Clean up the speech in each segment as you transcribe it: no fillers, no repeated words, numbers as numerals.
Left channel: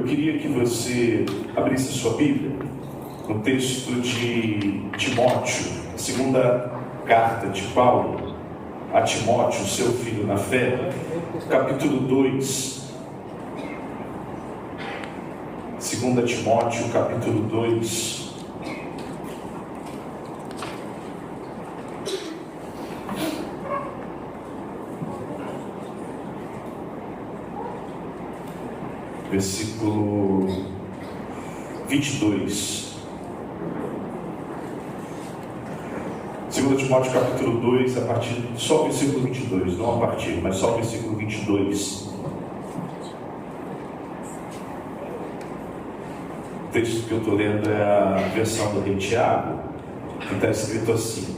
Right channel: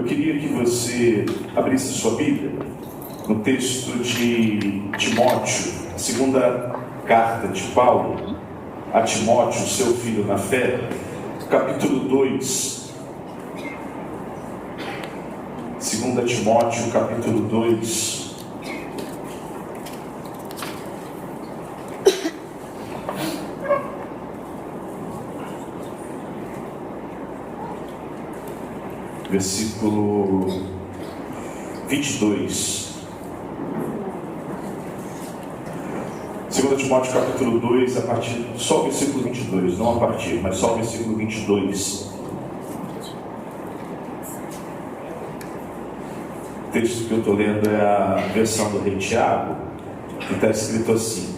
Eu queria que você abrisse sua Bíblia no texto de Timóteo, segunda carta de Paulo a Timóteo, seu filho na fé, capítulo 2. 2 Timóteo, capítulo 2. Versículo 22. 2 Timóteo capítulo 2, a partir, só o versículo 22, não a partir, mas só o versículo 22. O texto que eu estou lendo é a versão do Rei Tiago, que está escrito assim:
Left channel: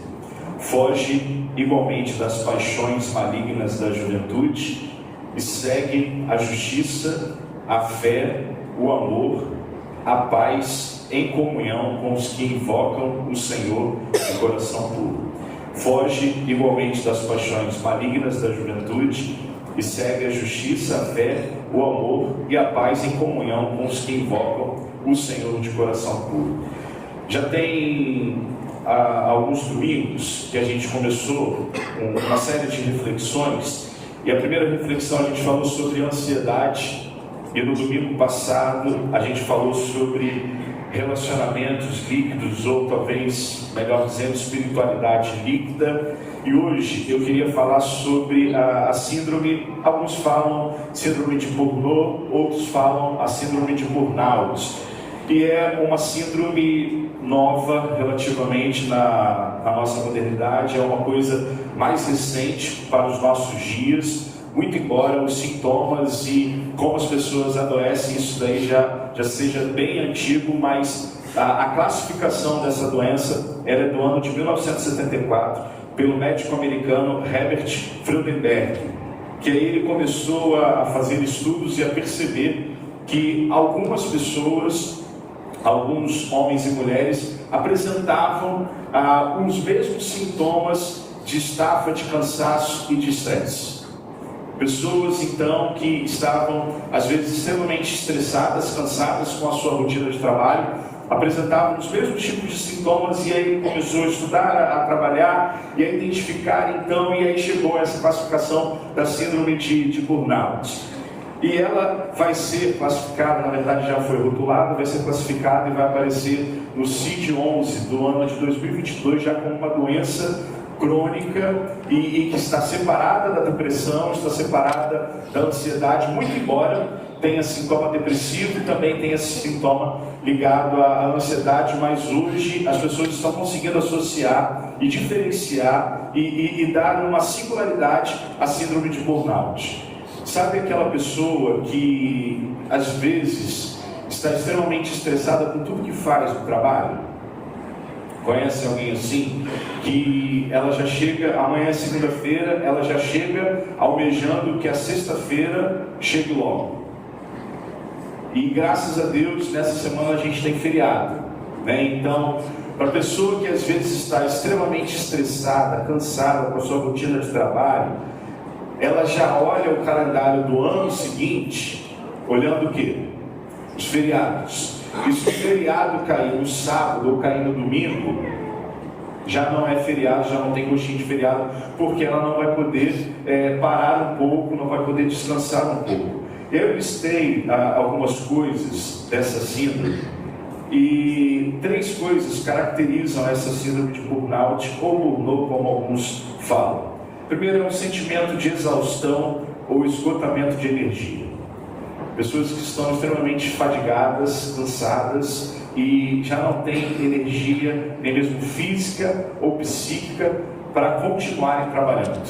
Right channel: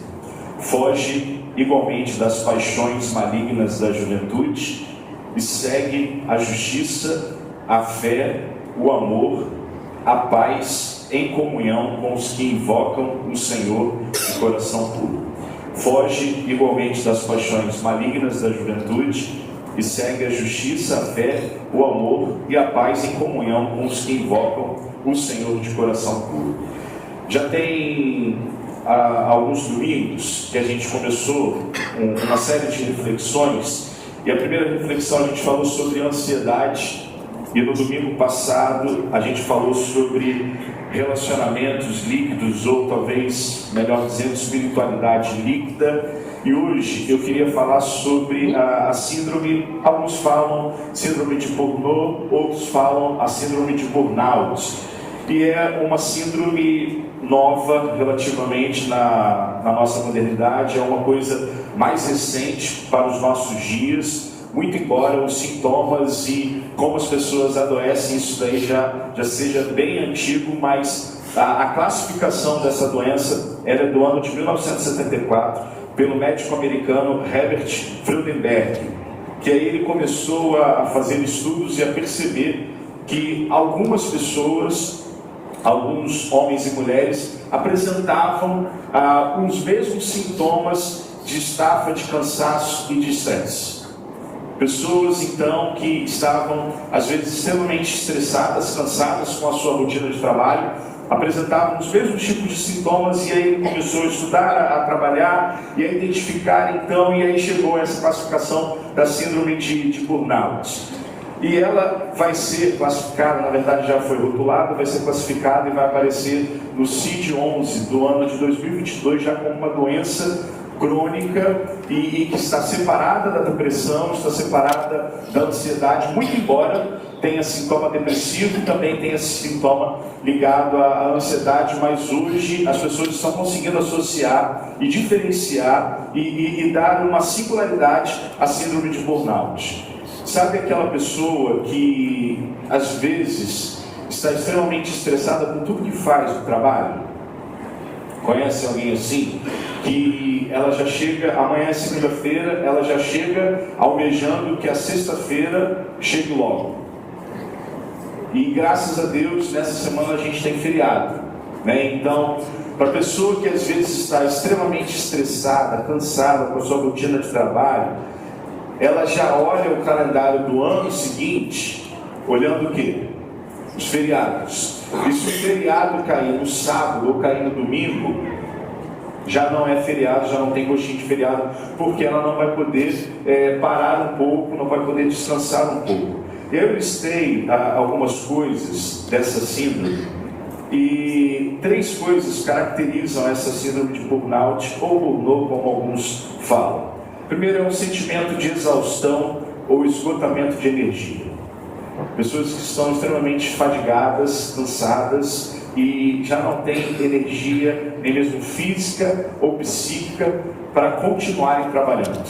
foge igualmente das paixões malignas da juventude e segue a justiça, a fé, o amor, a paz, em comunhão com os que invocam o Senhor de coração puro. Foge igualmente das paixões malignas da juventude e segue a justiça, a fé, o amor e a paz em comunhão com os que invocam o Senhor de coração puro. Já tem alguns domingos que a gente começou uma série de reflexões, e a primeira reflexão a gente falou sobre ansiedade. E no domingo passado a gente falou sobre relacionamentos líquidos, ou talvez, melhor dizendo, espiritualidade líquida. E hoje eu queria falar sobre a síndrome, alguns falam síndrome de Burnout, outros falam a síndrome de burnout. E é uma síndrome nova relativamente na nossa modernidade, é uma coisa mais recente para os nossos dias. Muito embora os sintomas e como as pessoas adoecem, isso daí já seja bem antigo, mas a classificação dessa doença era do ano de 1974, pelo médico americano Herbert Freudenberg, que aí ele começou a fazer estudos e a perceber que algumas pessoas, alguns homens e mulheres, apresentavam os mesmos sintomas de estafa, de cansaço e de estresse. Pessoas, então, que estavam, às vezes, extremamente estressadas, cansadas com a sua rotina de trabalho, apresentavam os mesmos tipos de sintomas, e aí começou a estudar, a trabalhar e a identificar, então, e aí chegou essa classificação da síndrome de burnout. E ela vai ser classificada, na verdade já foi rotulada, vai ser classificada e vai aparecer no CID-11 do ano de 2022, já como uma doença crônica e que está separada da depressão, está separada da ansiedade, muito embora tenha sintoma depressivo e também tenha sintoma ligado à ansiedade, mas hoje as pessoas estão conseguindo associar e diferenciar e dar uma singularidade à síndrome de burnout. Sabe aquela pessoa que às vezes está extremamente estressada por tudo que faz no trabalho? Conhece alguém assim? Que ela já chega, amanhã é segunda-feira, ela já chega almejando que a sexta-feira chegue logo. E graças a Deus, nessa semana a gente tem feriado, né? Então, para a pessoa que às vezes está extremamente estressada, cansada com a sua rotina de trabalho, ela já olha o calendário do ano seguinte, olhando o quê? Os feriados. E se o feriado cair no sábado ou cair no domingo, já não é feriado, já não tem gostinho de feriado, porque ela não vai poder parar um pouco, não vai poder descansar um pouco. Eu listei algumas coisas dessa síndrome, e 3 coisas caracterizam essa síndrome de burnout, ou burnout, como alguns falam. Primeiro é um sentimento de exaustão ou esgotamento de energia. Pessoas que estão extremamente fadigadas, cansadas e já não têm energia, nem mesmo física ou psíquica, para continuarem trabalhando.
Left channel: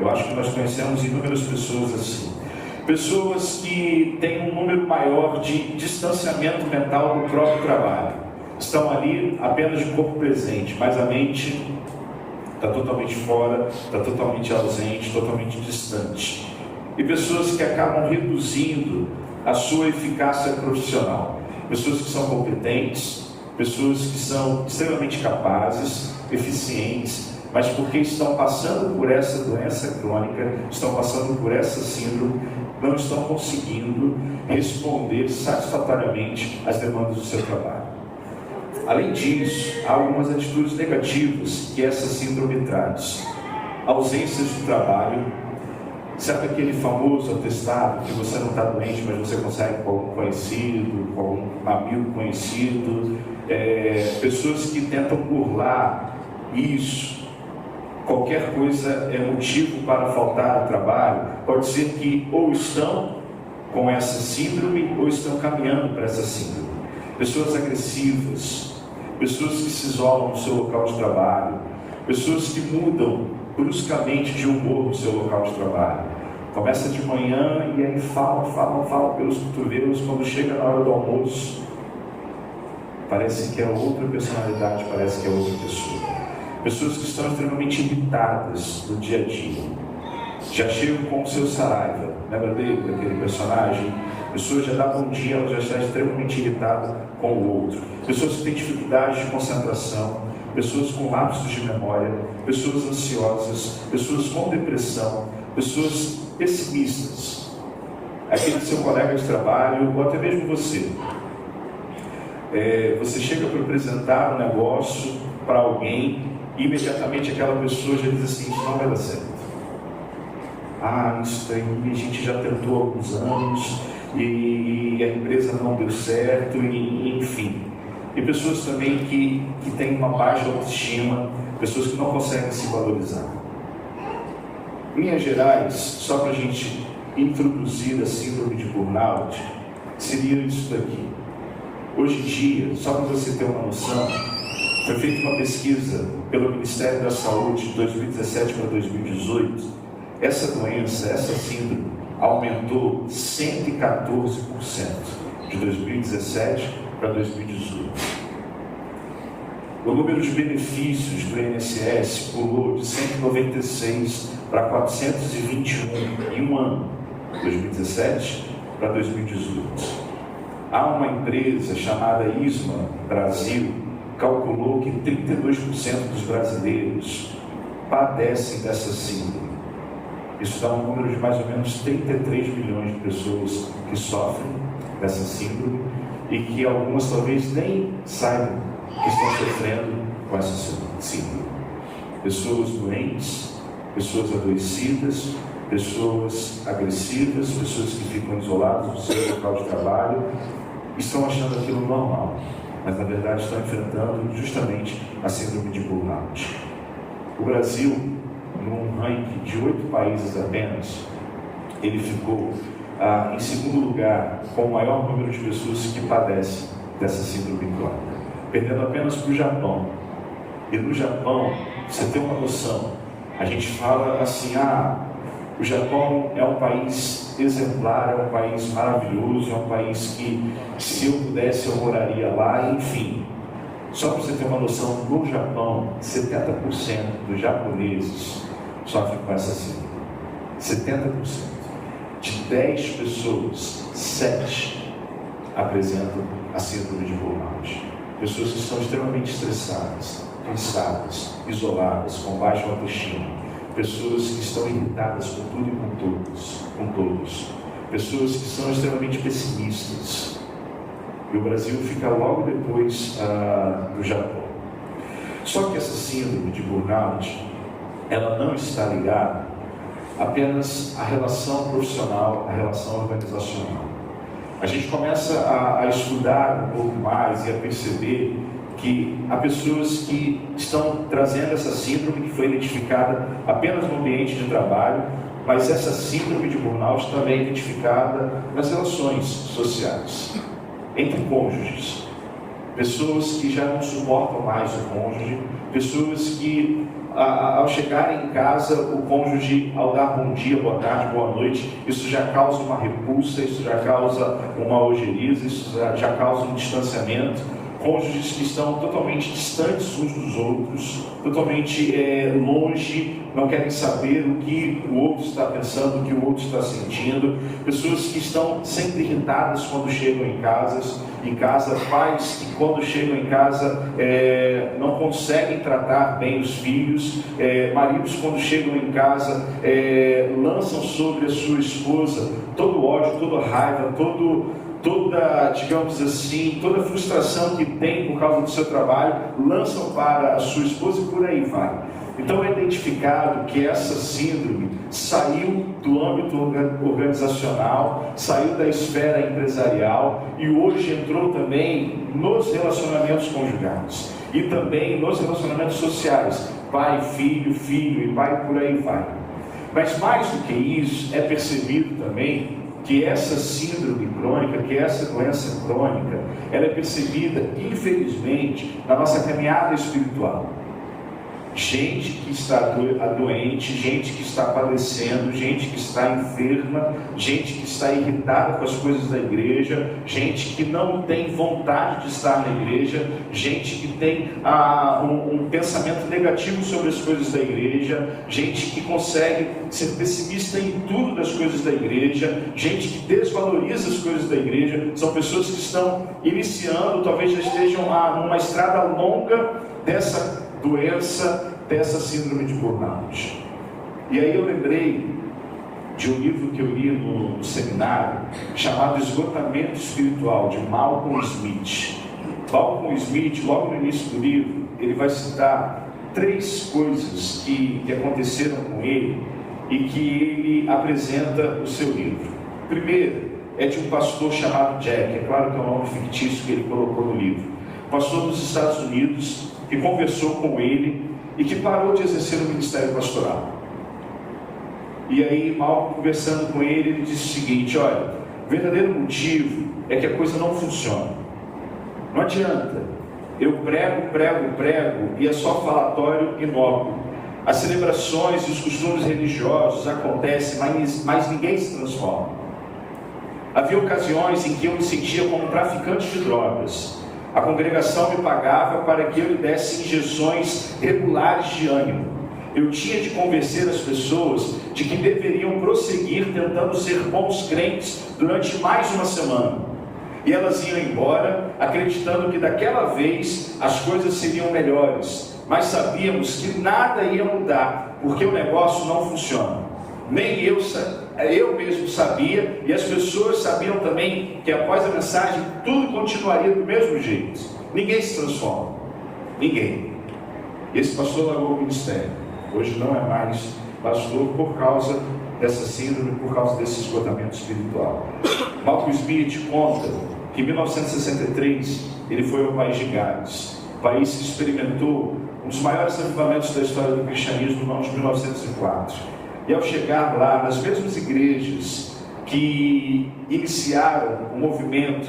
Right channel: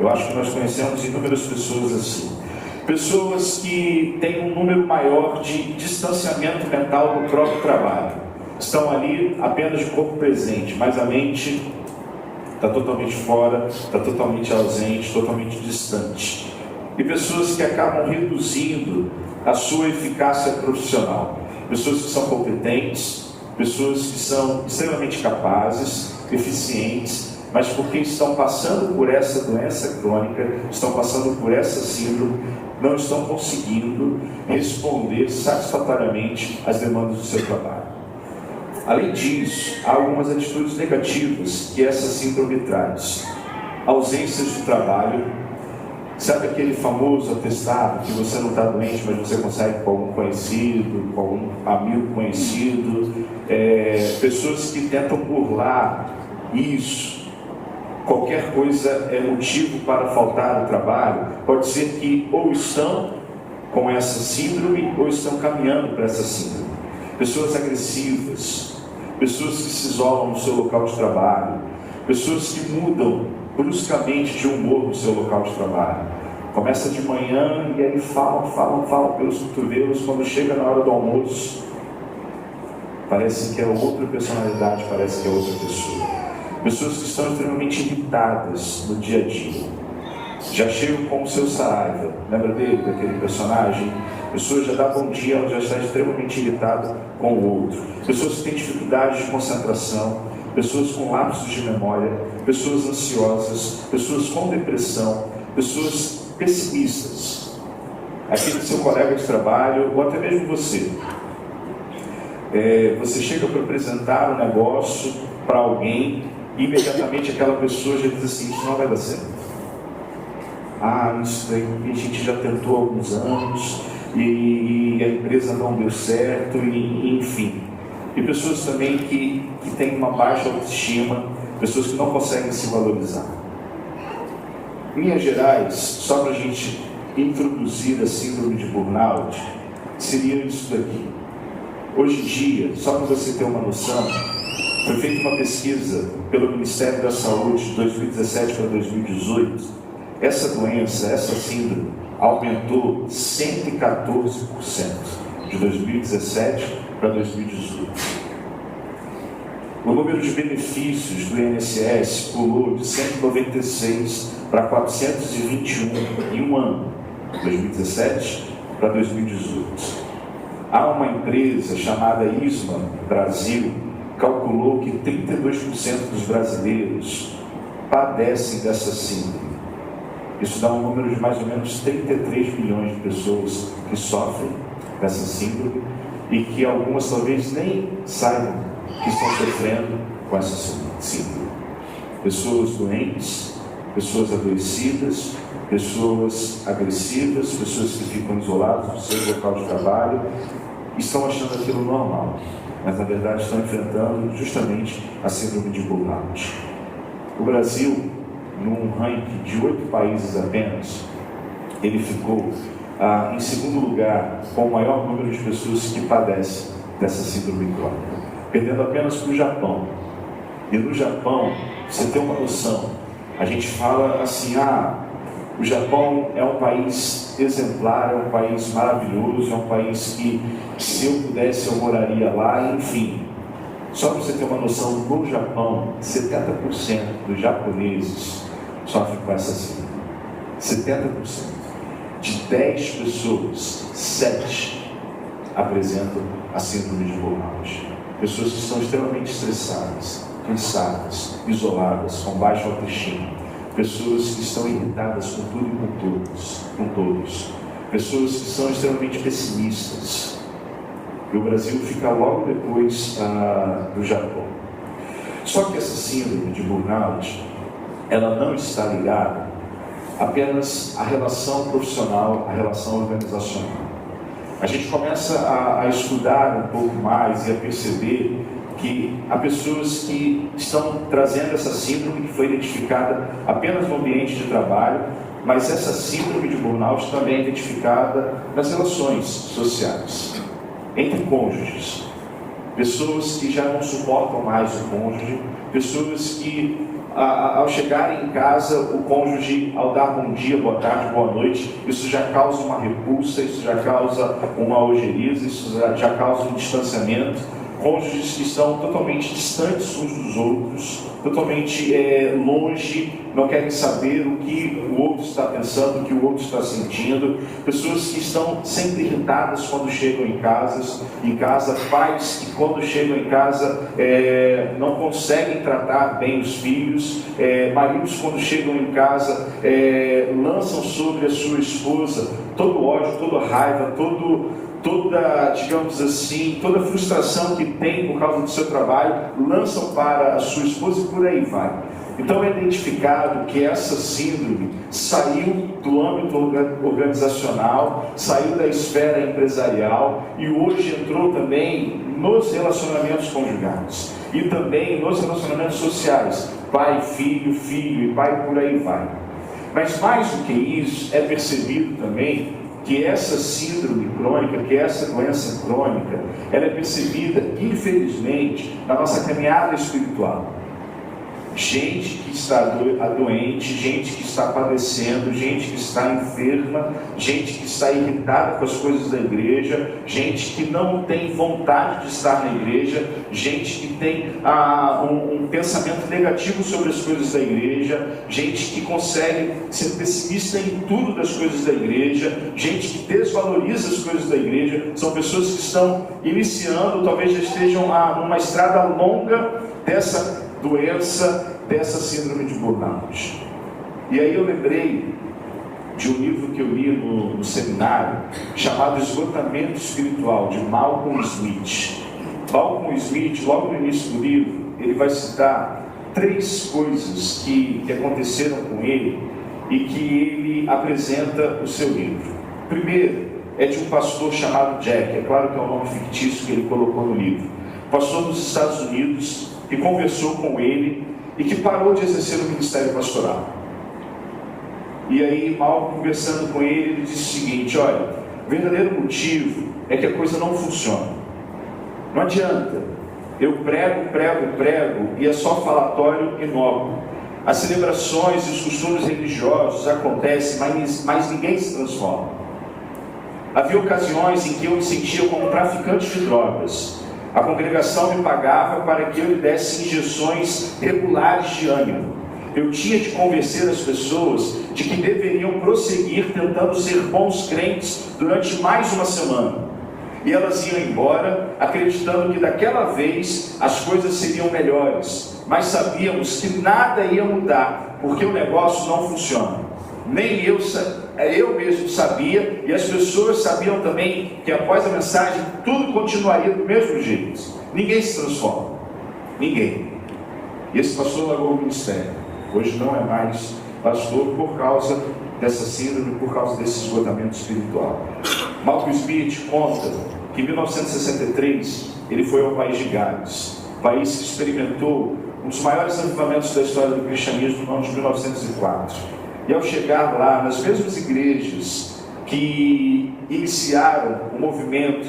Eu acho que nós conhecemos inúmeras pessoas assim. Pessoas que têm um número maior de distanciamento mental do próprio trabalho. Estão ali apenas de corpo presente, mas a mente está totalmente fora, está totalmente ausente, totalmente distante. E pessoas que acabam reduzindo a sua eficácia profissional. Pessoas que são competentes, pessoas que são extremamente capazes, eficientes, mas porque estão passando por essa doença crônica, estão passando por essa síndrome, não estão conseguindo responder satisfatoriamente às demandas do seu trabalho. Além disso, há algumas atitudes negativas que essa síndrome traz. Ausências de trabalho. Sabe aquele famoso atestado que você não está doente, mas você consegue com algum conhecido, com algum amigo conhecido? Pessoas que tentam burlar isso. Qualquer coisa é motivo para faltar ao trabalho. Pode ser que ou estão com essa síndrome ou estão caminhando para essa síndrome. Pessoas agressivas, pessoas que se isolam no seu local de trabalho, pessoas que mudam bruscamente de humor no seu local de trabalho. Começa de manhã e aí fala pelos cotovelos. Quando chega na hora do almoço, parece que é outra personalidade, parece que é outra pessoa. Pessoas que estão extremamente irritadas no dia a dia. Já chegam com o seu Saraiva. Lembra dele, daquele personagem? A pessoa já dá bom dia, ela já está extremamente irritada com o outro. Pessoas que têm dificuldades de concentração, pessoas com lapsos de memória, pessoas ansiosas, pessoas com depressão, pessoas pessimistas. Aquele seu colega de trabalho, ou até mesmo você. Você chega para apresentar um negócio para alguém e imediatamente aquela pessoa já diz assim: isso não vai dar certo. Isso daí a gente já tentou há alguns anos e a empresa não deu certo, e enfim. E pessoas também que têm uma baixa autoestima, pessoas que não conseguem se valorizar. Em linhas gerais, só para a gente introduzir a síndrome de burnout, seria isso daqui. Hoje em dia, só para você ter uma noção, foi feita uma pesquisa pelo Ministério da Saúde de 2017 para 2018. Essa doença, essa síndrome, aumentou 114% de 2017 para 2018. O número de benefícios do INSS pulou de 196 para 421 em um ano, 2017 para 2018. Há uma empresa chamada ISMA Brasil, calculou que 32% dos brasileiros padecem dessa síndrome. Isso dá um número de mais ou menos 33 milhões de pessoas que sofrem dessa síndrome e que algumas talvez nem saibam que estão sofrendo com essa síndrome. Pessoas doentes, pessoas adoecidas, pessoas agressivas, pessoas que ficam isoladas do seu local de trabalho, estão achando aquilo normal, mas na verdade estão enfrentando justamente a síndrome de burnout. O Brasil, num ranking de 8 países apenas, ele ficou em segundo lugar com o maior número de pessoas que padecem dessa síndrome crônica, perdendo apenas para o Japão. E no Japão, você tem uma noção, a gente fala assim: o Japão é um país exemplar, é um país maravilhoso, é um país que, se eu pudesse, eu moraria lá, enfim. Só para você ter uma noção, no Japão, 70% dos japoneses sofrem com essa síndrome. 70%. De 10 pessoas, 7 apresentam a síndrome de burnout. Pessoas que estão extremamente estressadas, cansadas, isoladas, com baixa autoestima. Pessoas que estão irritadas com tudo e com todos. Pessoas que são extremamente pessimistas. E o Brasil fica logo depois do Japão. Só que essa síndrome de burnout, ela não está ligada apenas à relação profissional, à relação organizacional. A gente começa a estudar um pouco mais e a perceber que há pessoas que estão trazendo essa síndrome que foi identificada apenas no ambiente de trabalho, mas essa síndrome de burnout também é identificada nas relações sociais, entre cônjuges. Pessoas que já não suportam mais o cônjuge, pessoas que ao chegarem em casa, o cônjuge, ao dar bom dia, boa tarde, boa noite, isso já causa uma repulsa, isso já causa uma ojeriza, isso já causa um distanciamento, cônjuges que estão totalmente distantes uns dos outros, totalmente longe, não querem saber o que o outro está pensando, o que o outro está sentindo, pessoas que estão sempre irritadas quando chegam em casa, pais que quando chegam em casa não conseguem tratar bem os filhos, maridos quando chegam em casa lançam sobre a sua esposa todo o ódio, toda a raiva, toda, digamos assim, toda a frustração que tem por causa do seu trabalho, lançam para a sua esposa e por aí vai. Então é identificado que essa síndrome saiu do âmbito organizacional, saiu da esfera empresarial e hoje entrou também nos relacionamentos conjugais e também nos relacionamentos sociais, pai, filho, filho e pai, por aí vai. Mas mais do que isso, é percebido também que essa síndrome crônica, que essa doença crônica, ela é percebida, infelizmente, na nossa caminhada espiritual. Gente que está doente, gente que está padecendo, gente que está enferma, gente que está irritada com as coisas da igreja, gente que não tem vontade de estar na igreja, gente que tem um pensamento negativo sobre as coisas da igreja, gente que consegue ser pessimista em tudo das coisas da igreja, gente que desvaloriza as coisas da igreja. São pessoas que estão iniciando, talvez já estejam numa estrada longa dessa doença, dessa síndrome de burnout. E aí eu lembrei de um livro que eu li no seminário, chamado Esgotamento Espiritual, de Malcolm Smith. Malcolm Smith, logo no início do livro, ele vai citar 3 coisas que aconteceram com ele e que ele apresenta no seu livro. Primeiro, é de um pastor chamado Jack, é claro que é um nome fictício que ele colocou no livro, pastor dos Estados Unidos, que conversou com ele e que parou de exercer o ministério pastoral. E aí, mal conversando com ele, ele disse o seguinte: olha, o verdadeiro motivo é que a coisa não funciona. Não adianta, eu prego e é só falatório inócuo. As celebrações e os costumes religiosos acontecem, mas ninguém se transforma. Havia ocasiões em que eu me sentia como traficante de drogas. A congregação me pagava para que eu lhe desse injeções regulares de ânimo. Eu tinha de convencer as pessoas de que deveriam prosseguir tentando ser bons crentes durante mais uma semana. E elas iam embora acreditando que daquela vez as coisas seriam melhores. Mas sabíamos que nada ia mudar, porque o negócio não funciona. Nem eu mesmo sabia, e as pessoas sabiam também que após a mensagem tudo continuaria do mesmo jeito. Ninguém se transforma, ninguém. E esse pastor largou o ministério, hoje não é mais pastor por causa dessa síndrome, por causa desse esgotamento espiritual. Malcolm Smith conta que em 1963 ele foi ao país de Gales, país que experimentou um dos maiores avivamentos da história do cristianismo no ano de 1904. E ao chegar lá, nas mesmas igrejas que iniciaram o movimento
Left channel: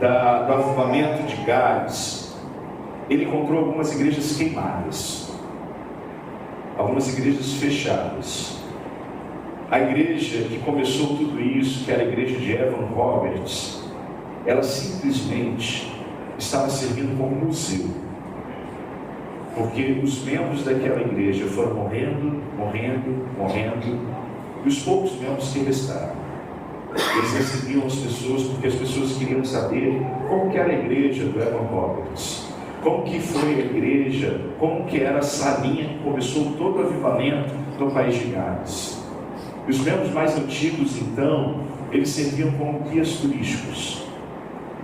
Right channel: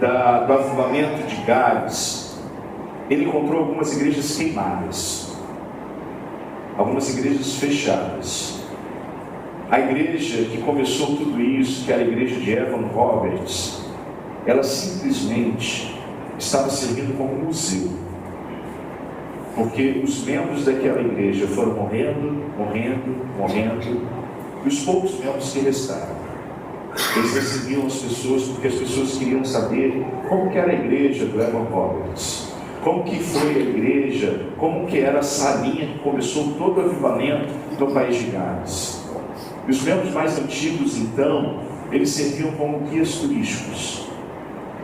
do avivamento de Gales, ele encontrou algumas igrejas queimadas, algumas igrejas fechadas. A igreja que começou tudo isso, que era a igreja de Evan Roberts, ela simplesmente estava servindo como museu, porque os membros daquela igreja foram morrendo, e os poucos membros que restaram, eles recebiam as pessoas, porque as pessoas queriam saber como que era a igreja do Evan Roberts, como que foi a igreja, como que era a salinha que começou todo o avivamento no país de Gales. E os membros mais antigos, então, eles serviam como guias turísticos.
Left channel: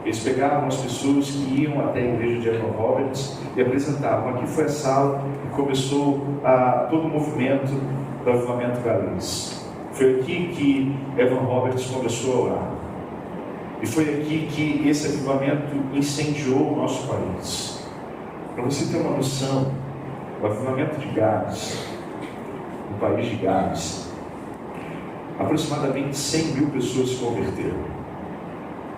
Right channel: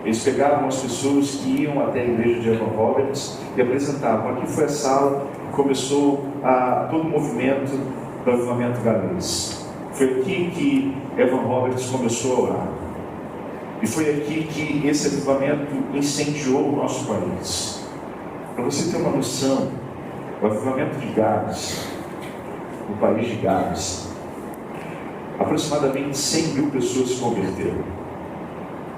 Eles pegavam as pessoas que iam até a igreja de Evan Roberts e apresentavam: aqui foi a sala que começou todo o movimento do avivamento galês. Foi aqui que Evan Roberts começou a orar. E foi aqui que esse avivamento incendiou o nosso país. Para você ter uma noção, o avivamento de Gales, no país de Gales, aproximadamente 100 mil pessoas se converteram.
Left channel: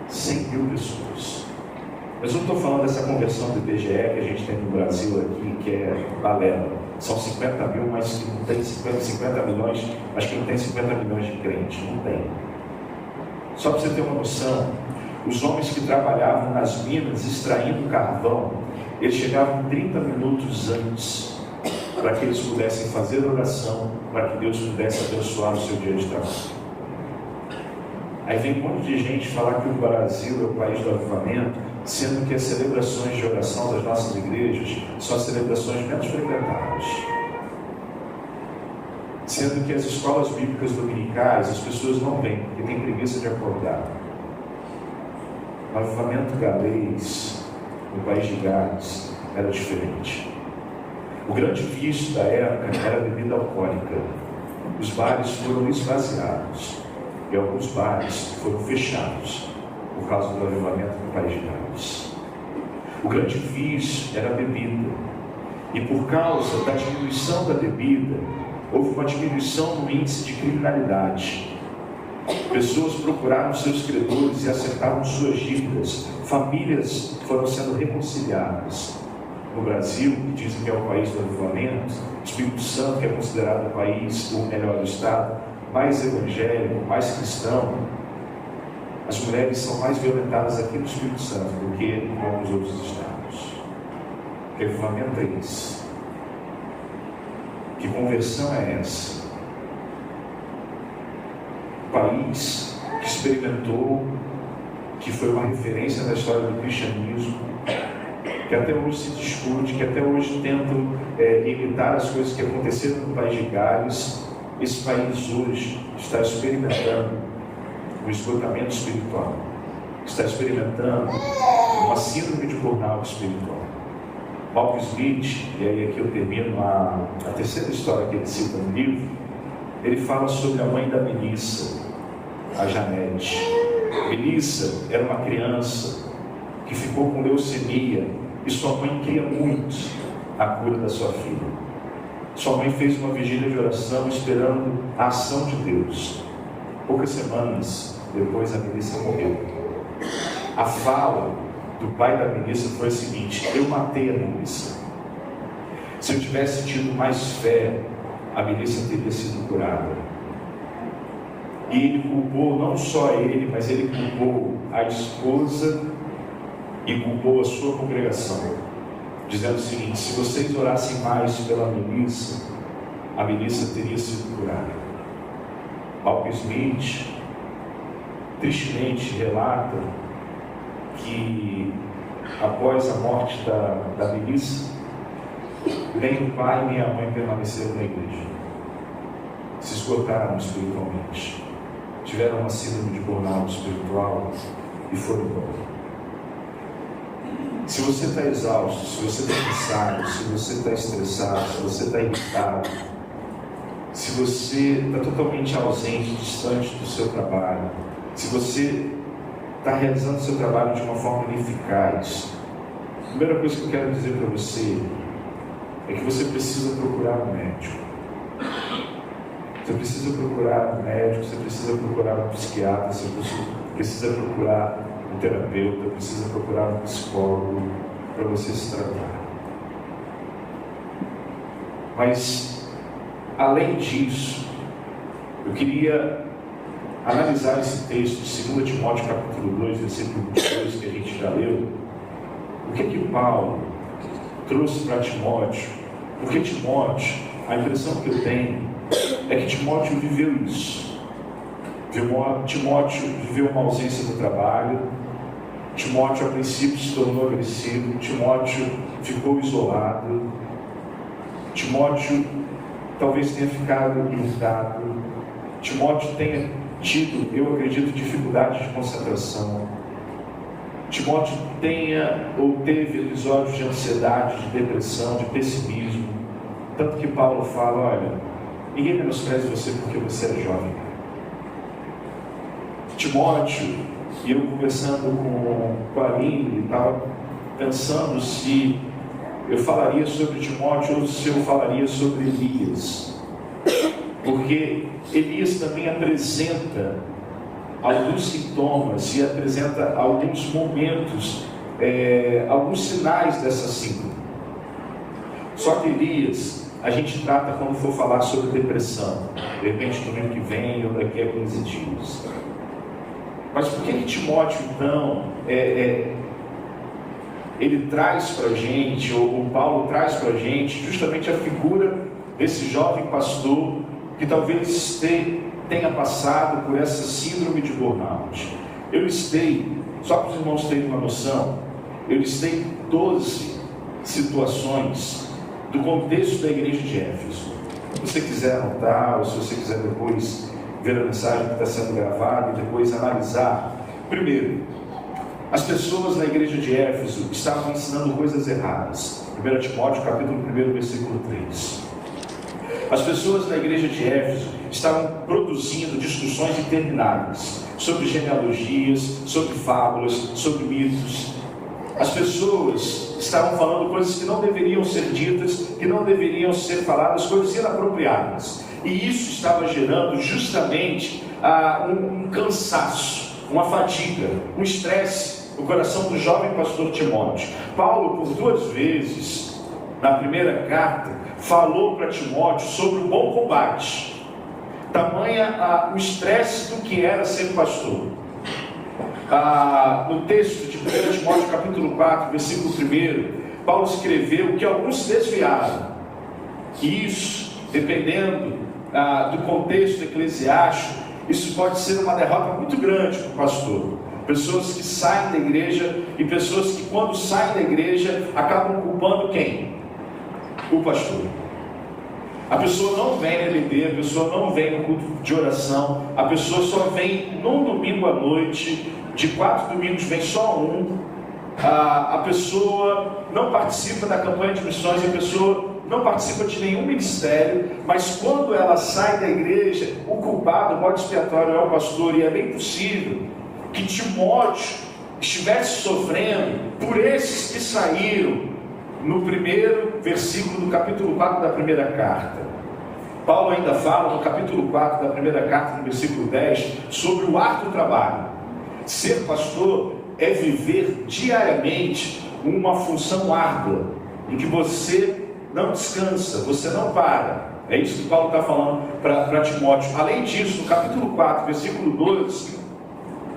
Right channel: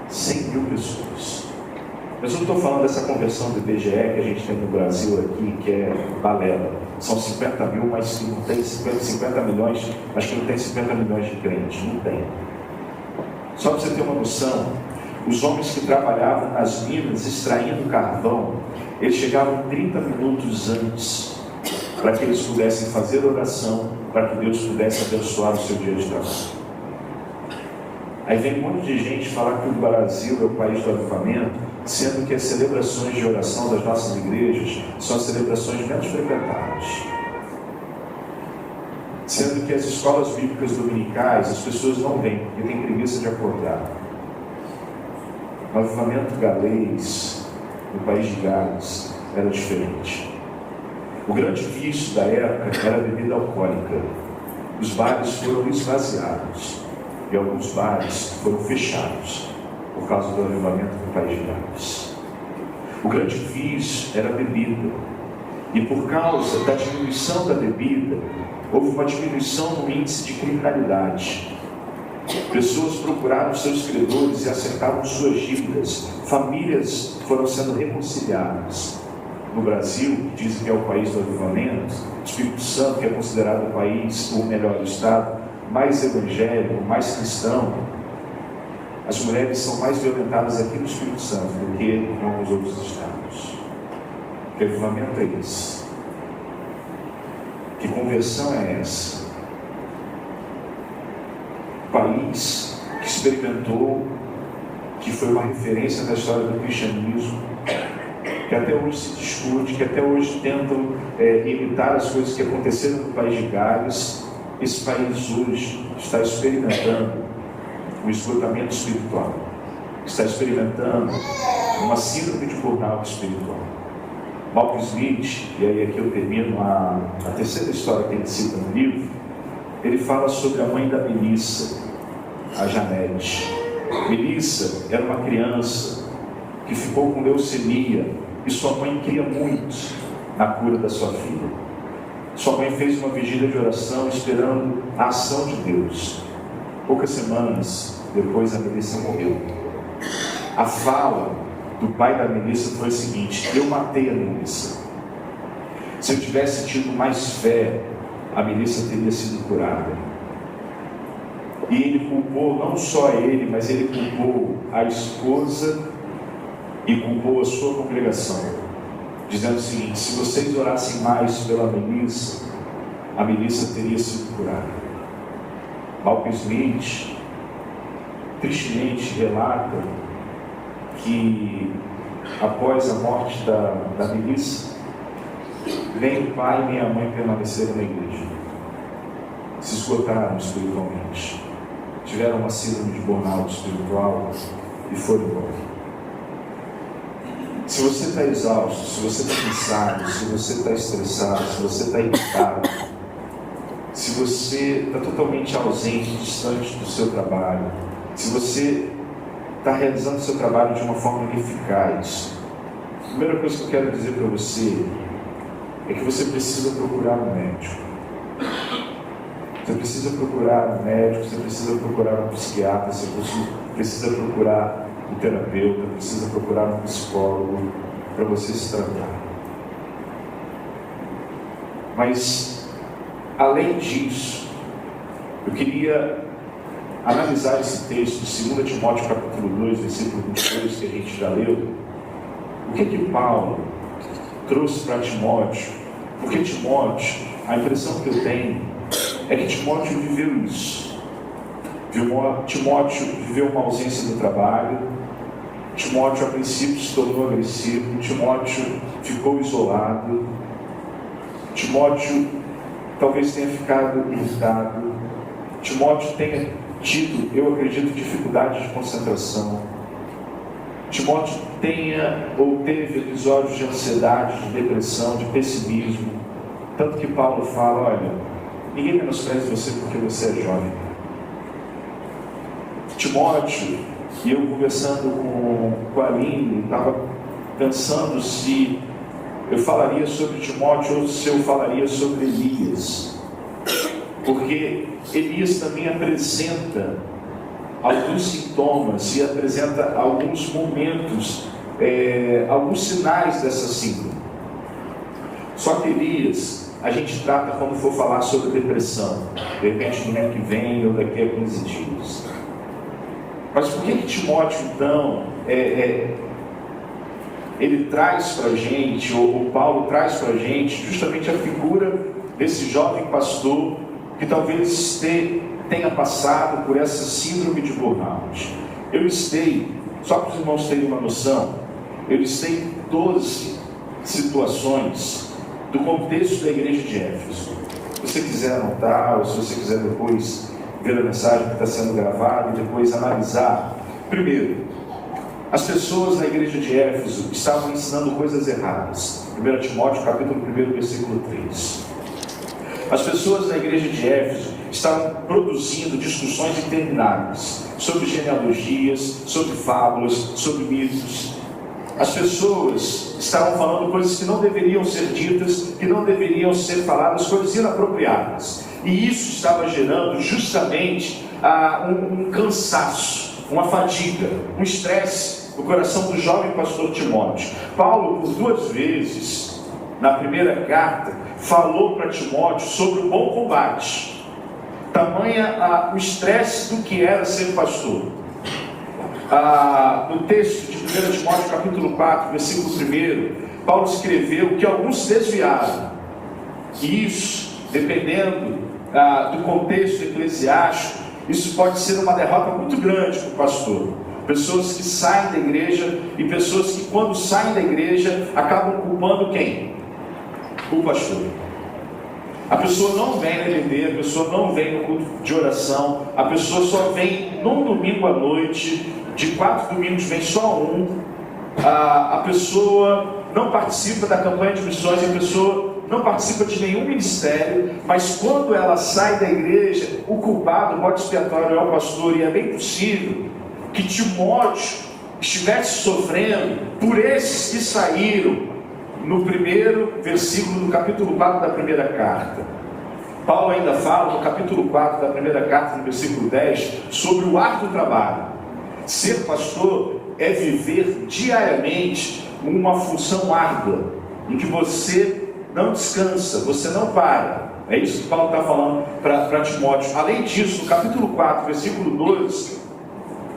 100 mil pessoas. Mas eu não estou falando dessa conversão do IBGE que a gente tem no Brasil aqui, que é balela. São 50 mil, mas não tem 50 milhões, acho que não tem 50 milhões de crentes, não tem. Só para você ter uma noção, Os homens que trabalhavam nas minas extraindo carvão, eles chegavam 30 minutos antes, para que eles pudessem fazer oração, para que Deus pudesse abençoar o seu dia de trabalho. Aí vem um monte de gente falar que o Brasil é o país do avivamento, sendo que as celebrações de oração das nossas igrejas são as celebrações menos frequentadas. Sendo que as escolas bíblicas dominicais, as pessoas não vêm, porque tem preguiça de acordar. O avivamento galês, no país de Gales, era diferente. O grande vício da época era a bebida alcoólica. Os bares foram esvaziados e alguns bares foram fechados por causa do avivamento do país de Gales. O grande vício era a bebida. E por causa da diminuição da bebida, houve uma diminuição no índice de criminalidade. Pessoas procuraram seus credores e acertaram suas dívidas. Famílias foram sendo reconciliadas. No Brasil, que dizem que é o país do avivamento, o Espírito Santo, que é considerado o país, ou melhor, o estado mais evangélico, mais cristão, as mulheres são mais violentadas aqui no Espírito Santo do que nos outros estados. Que avivamento é esse? Que conversão é essa? País que experimentou, que foi uma referência na história do cristianismo, que até hoje se discute, que até hoje tentam imitar as coisas que aconteceram no país de Gales. Esse país hoje está experimentando um esgotamento espiritual, está experimentando uma síndrome de burnout espiritual. Malcolm Smith, e aí aqui eu termino a terceira história que ele cita no livro, ele fala sobre a mãe da Melissa, a Janete. Melissa era uma criança que ficou com leucemia e sua mãe queria muito a cura da sua filha. Sua mãe fez uma vigília de oração esperando a ação de Deus. Poucas semanas depois a Melissa morreu. A fala do pai da Melissa foi a seguinte: eu matei a Melissa. Se eu tivesse tido mais fé, a Melissa teria sido curada. E ele culpou não só ele, mas ele culpou a esposa e culpou a sua congregação, dizendo o seguinte: se vocês orassem mais pela Melissa, a Melissa teria sido curada. Malcolm Smith tristemente relata que após a morte da Melissa, nem o pai nem a mãe permaneceram na igreja, se esgotaram espiritualmente, tiveram uma síndrome de burnout espiritual e foram embora. Se você está exausto, se você está cansado, se você está estressado, se você está irritado, se você está totalmente ausente, distante do seu trabalho, se você está realizando o seu trabalho de uma forma ineficaz, a primeira coisa que eu quero dizer para você é que você precisa procurar um médico. Você precisa procurar um médico, você precisa procurar um psiquiatra, você precisa procurar um terapeuta, precisa procurar um psicólogo para você se tratar. Mas, além disso, eu queria analisar esse texto, 2 Timóteo capítulo 2, versículo 22, que a gente já leu. O que Paulo trouxe para Timóteo? Porque Timóteo, a impressão que eu tenho é que Timóteo viveu isso. Timóteo viveu uma ausência do trabalho. Timóteo, a princípio, se tornou agressivo. Timóteo ficou isolado. Timóteo talvez tenha ficado irritado. Timóteo tenha tido, eu acredito, dificuldade de concentração. Timóteo tenha ou teve episódios de ansiedade, de depressão, de pessimismo. Tanto que Paulo fala: olha, ninguém menospreze você porque você é jovem. Timóteo, e eu conversando com a Aline, estava pensando se eu falaria sobre Timóteo ou se eu falaria sobre Elias, porque Elias também apresenta alguns sintomas e apresenta alguns momentos, alguns sinais dessa síndrome. Só que Elias a gente trata quando for falar sobre depressão, de repente no ano que vem ou daqui a 15 dias. Mas por que Timóteo, então, ele traz para a gente, ou Paulo traz para a gente, justamente a figura desse jovem pastor que talvez tenha passado por essa síndrome de burnout? Eu listei, só para os irmãos terem uma noção, eu listei 12 situações do contexto da igreja de Éfeso. Se você quiser anotar, ou se você quiser depois ver a mensagem que está sendo gravada e depois analisar. Primeiro, as pessoas na igreja de Éfeso estavam ensinando coisas erradas. 1 Timóteo capítulo 1, versículo 3. As pessoas da igreja de Éfeso estavam produzindo discussões intermináveis sobre genealogias, sobre fábulas, sobre mitos. As pessoas estavam falando coisas que não deveriam ser ditas, que não deveriam ser faladas, coisas inapropriadas. E isso estava gerando justamente um cansaço, uma fadiga, um estresse no coração do jovem pastor Timóteo. Paulo, por 2 vezes, na primeira carta, falou para Timóteo sobre o bom combate. Tamanha o estresse do que era ser pastor. No texto de 1 Timóteo capítulo 4, versículo 1, Paulo escreveu que alguns se desviaram. E isso, dependendo do contexto eclesiástico, isso pode ser uma derrota muito grande para o pastor. Pessoas que saem da igreja e pessoas que, quando saem da igreja, acabam culpando quem? O pastor. A pessoa não vem na EBD, a pessoa não vem no culto de oração, a pessoa só vem num domingo à noite, de 4 domingos vem só um. A pessoa não participa da campanha de missões, a pessoa não participa de nenhum ministério, mas quando ela sai da igreja, o culpado, o bode expiatório é o pastor, e é bem possível que Timóteo estivesse sofrendo por esses que saíram no primeiro versículo do capítulo 4 da primeira carta. Paulo ainda fala no capítulo 4 da primeira carta, no versículo 10, sobre o árduo trabalho. Ser pastor é viver diariamente uma função árdua, em que você não descansa, você não para. É isso que Paulo está falando para Timóteo. Além disso, no capítulo 4, versículo 12,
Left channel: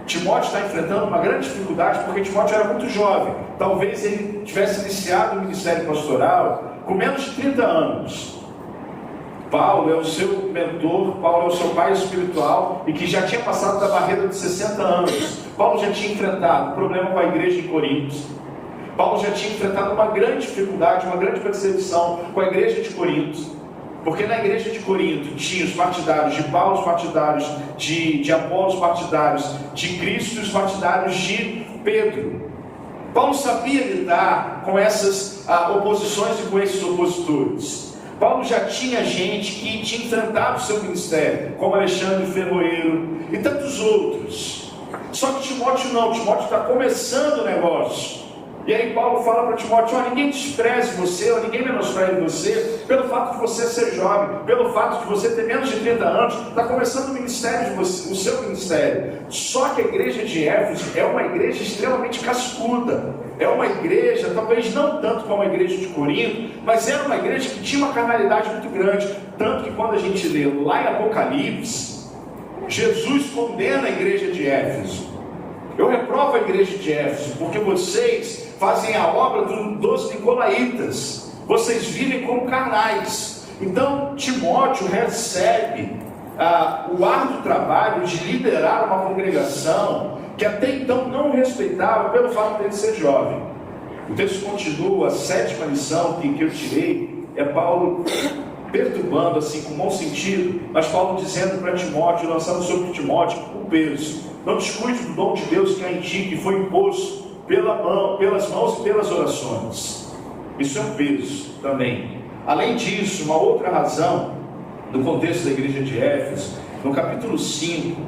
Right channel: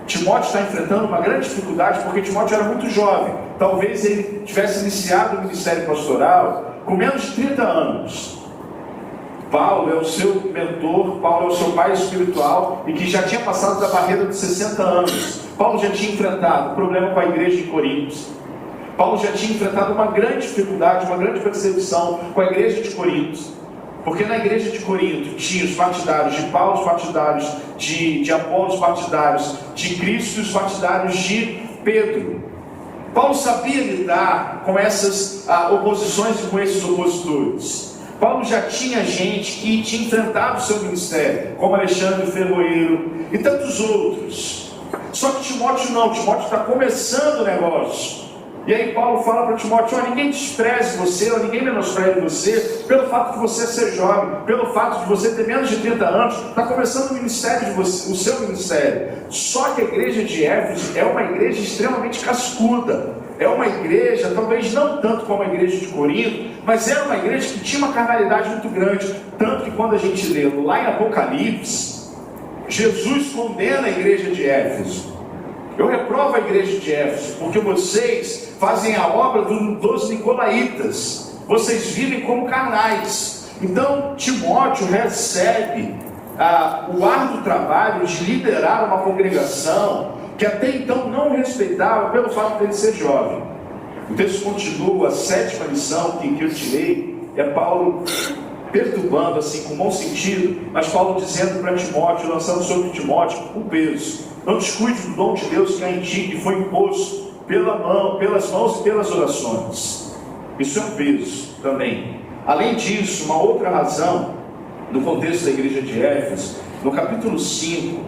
Timóteo está enfrentando uma grande dificuldade, porque Timóteo era muito jovem. Talvez ele tivesse iniciado o ministério pastoral com menos de 30 anos. Paulo é o seu mentor, Paulo é o seu pai espiritual, e que já tinha passado da barreira de 60 anos. Paulo já tinha enfrentado um problema com a igreja de Corinto. Paulo já tinha enfrentado uma grande dificuldade, uma grande perseguição com a igreja de Corinto. Porque na igreja de Corinto tinha os partidários de Paulo, os partidários de Apolo, os partidários de Cristo e os partidários de Pedro. Paulo sabia lidar com essas oposições e com esses opositores. Paulo já tinha gente que tinha enfrentado o seu ministério, como Alexandre Ferroeiro e tantos outros. Só que Timóteo não, Timóteo está começando o negócio. E aí Paulo fala para Timóteo: ninguém despreze você, ninguém menospreze você, pelo fato de você ser jovem, pelo fato de você ter menos de 30 anos, está começando o ministério de você, o seu ministério. Só que a igreja de Éfeso é uma igreja extremamente cascuda, é uma igreja, talvez não tanto como a igreja de Corinto, mas era uma igreja que tinha uma carnalidade muito grande, tanto que quando a gente lê lá em Apocalipse, Jesus condena a igreja de Éfeso. Eu reprovo a igreja de Éfeso, porque vocês fazem a obra dos nicolaítas, vocês vivem como carnais. Então Timóteo recebe o árduo trabalho de liderar uma congregação que até então não o respeitava pelo fato de ele ser jovem. O texto continua, a 7ª lição que eu tirei é Paulo perturbando, assim, com bom sentido, mas Paulo dizendo para Timóteo, lançando sobre Timóteo um peso: não descuide do dom de Deus que há em ti, que foi imposto pelas mãos e pelas orações. Isso é um peso também. Além disso, uma outra razão do contexto da igreja de Éfeso, no capítulo 5,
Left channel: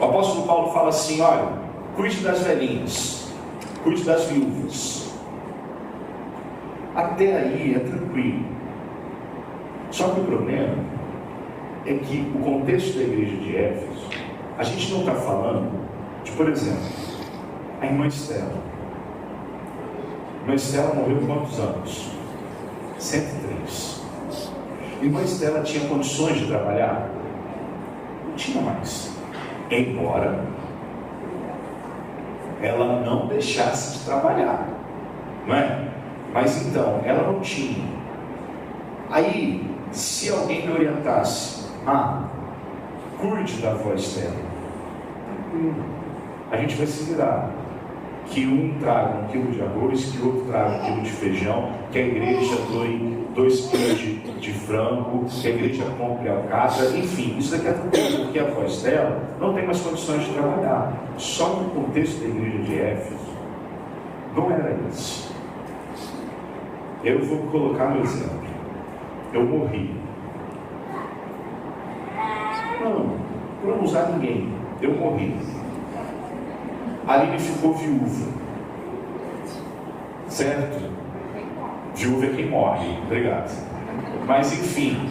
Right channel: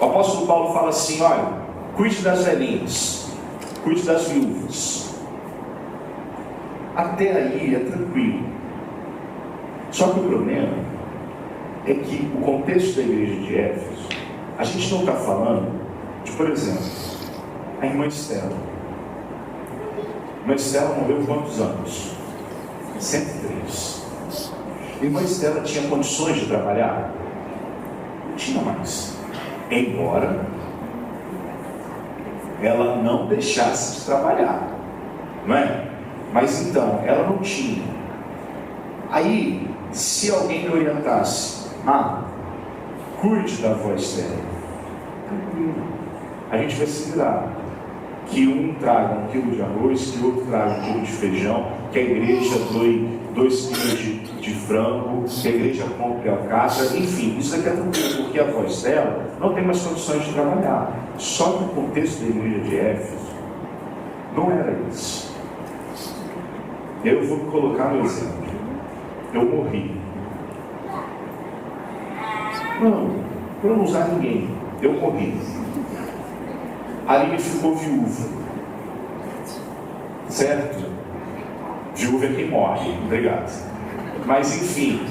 o apóstolo Paulo fala assim: olha, cuide das velhinhas, cuide das viúvas. Até aí é tranquilo. Só que o problema é que o contexto da igreja de Éfeso, a gente não está falando de, por exemplo, a irmã Estela. A irmã Estela morreu com quantos anos? 103. A irmã Estela tinha condições de trabalhar? Não tinha mais. Embora ela não deixasse de trabalhar, não é? Mas então, ela não tinha. Aí, se alguém orientasse, cuide da avó Estela, tranquilo, a gente vai se virar. Que um traga 1 quilo de arroz, que o outro traga 1 quilo de feijão, que a igreja doe 2 quilos de frango, que a igreja compre alcatra, enfim, isso daqui é tudo, porque a avó Estela não tem mais condições de trabalhar. Só que o contexto da igreja de Éfeso não era isso. Eu vou colocar no exemplo. Eu morri. Não usar ninguém. Eu morri. A Aline ficou viúva. Certo? Viúva é quem morre. Obrigado. Mas enfim,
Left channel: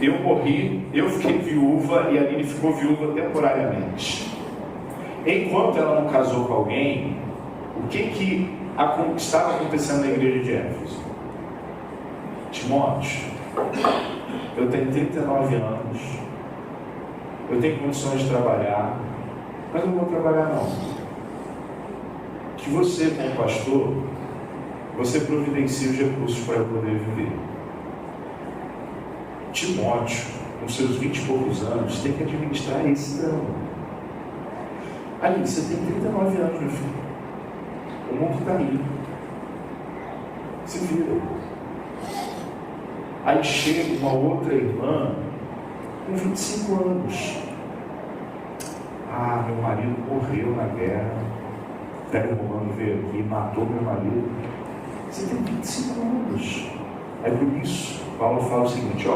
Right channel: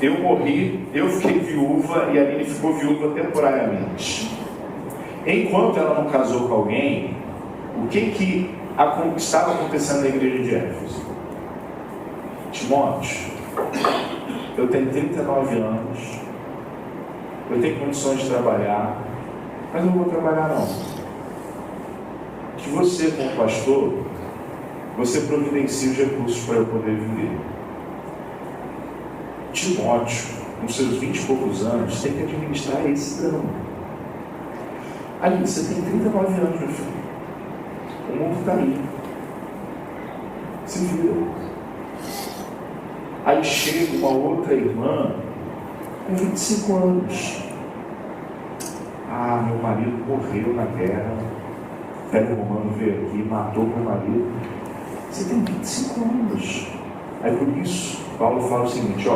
eu morri, eu fiquei viúva e a Aline ficou viúva temporariamente. Enquanto ela não casou com alguém, o que estava acontecendo na igreja de Éfeso? Timóteo, eu tenho 39 anos, eu tenho condições de trabalhar, mas não vou trabalhar não. Que você, como pastor, você providencie os recursos para eu poder viver. Timóteo, com seus 20 e poucos anos, tem que administrar esse drama. Aí, você tem 39 anos, meu filho. O mundo está aí. Se vira. Aí chega uma outra irmã com 25 anos. Meu marido morreu na guerra. Pega o romano, veio aqui, matou meu marido. Você tem 25 anos. Aí por isso, Paulo fala o seguinte,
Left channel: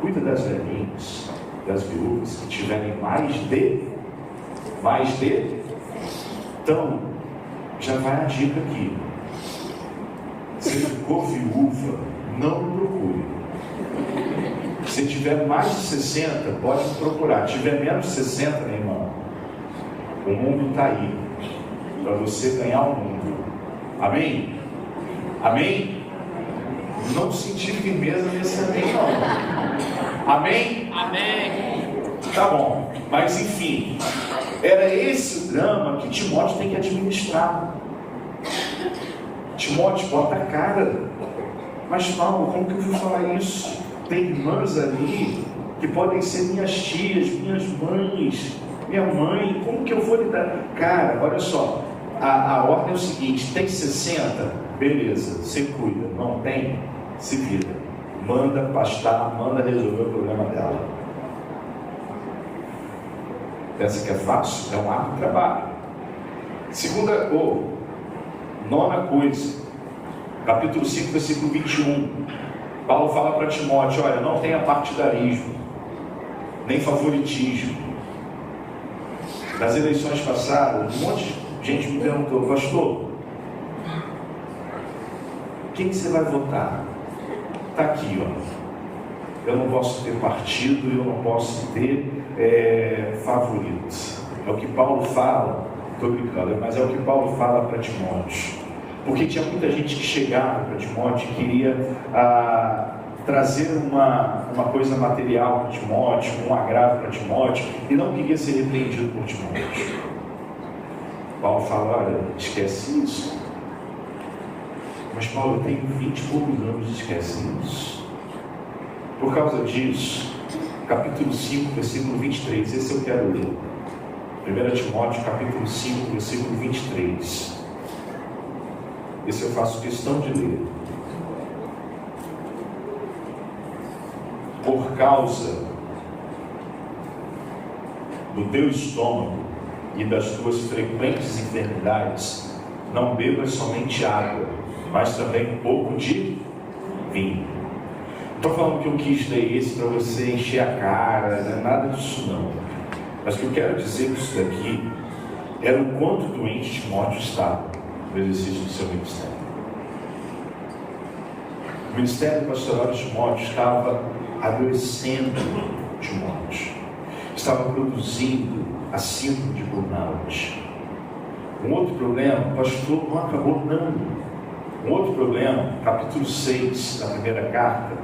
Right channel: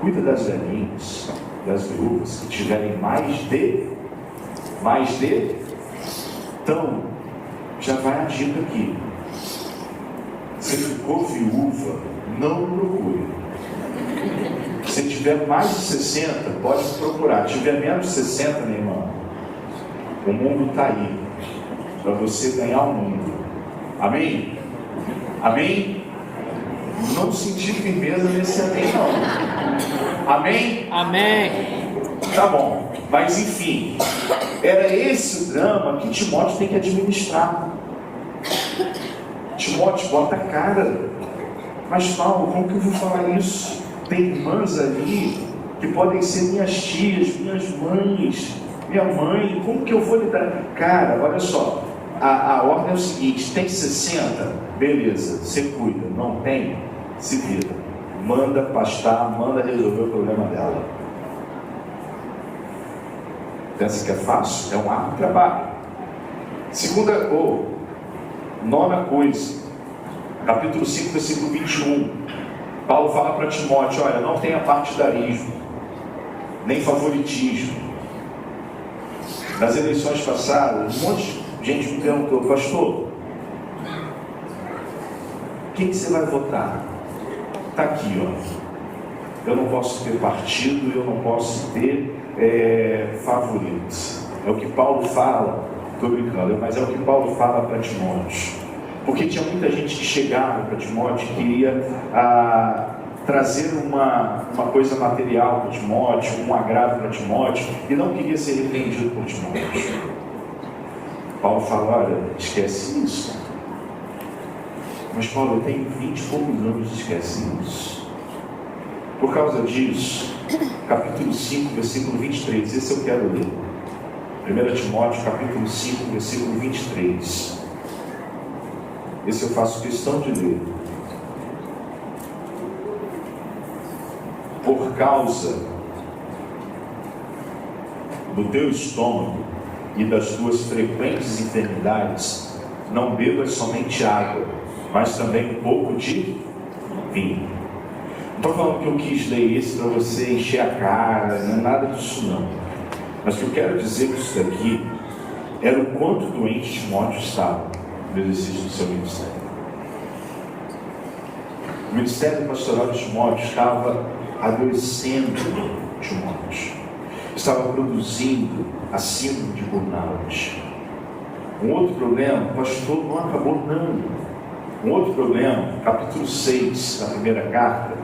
cuida das velhinhas, das viúvas que tiverem mais de. Então, já vai a dica aqui. Se ficou viúva, não procure. Se tiver mais de 60, pode procurar. Se tiver menos de 60, minha irmã, o mundo está aí para você ganhar o mundo. Amém? Amém? Não sentir firmeza nesse amém, não. Amém? Amém. Tá bom, mas enfim, era esse o drama que Timóteo tem que administrar. Timóteo, bota a cara. Mas Paulo, como que eu vou falar isso? Tem irmãs ali que podem ser minhas tias, minhas mães, minha mãe, como que eu vou lidar? Cara, olha só, a ordem é o seguinte, tem 60, beleza, você cuida, não tem, se vira, manda pastar, manda resolver o problema dela. Pensa que é fácil? É um árduo trabalho. Nona coisa, capítulo 5, versículo 21, Paulo fala para Timóteo, olha, não tenha partidarismo, nem favoritismo. Nas eleições passadas, um monte de gente me perguntou, pastor, quem você vai votar? Está aqui, eu não posso ter partido, eu não posso ter favoritos. É o que Paulo fala, estou brincando, mas é o que Paulo fala para Timóteo. Porque tinha muita gente que chegava para Timóteo e queria trazer uma coisa material para Timóteo, um agrado para Timóteo, e não queria ser entendido por Timóteo. Paulo fala, olha, esquece isso. Mas Paulo, eu tenho 20 e poucos anos, esquece isso. Por causa disso, capítulo 5, versículo 23, esse eu quero ler. 1 Timóteo, capítulo 5, versículo 23. Esse eu faço questão de ler. Por causa do teu estômago e das tuas frequentes enfermidades, não bebas somente água, mas também um pouco de vinho. Não estou falando que eu quis ler isso para você encher a cara, não é nada disso não. Mas o que eu quero dizer disso daqui era o quanto doente Timóteo estava no exercício do seu ministério. O ministério pastoral de Timóteo estava adoecendo Timóteo, estava produzindo a síndrome de burnout. Um outro problema, o pastor não acabou não. Um outro problema, capítulo 6 da primeira carta,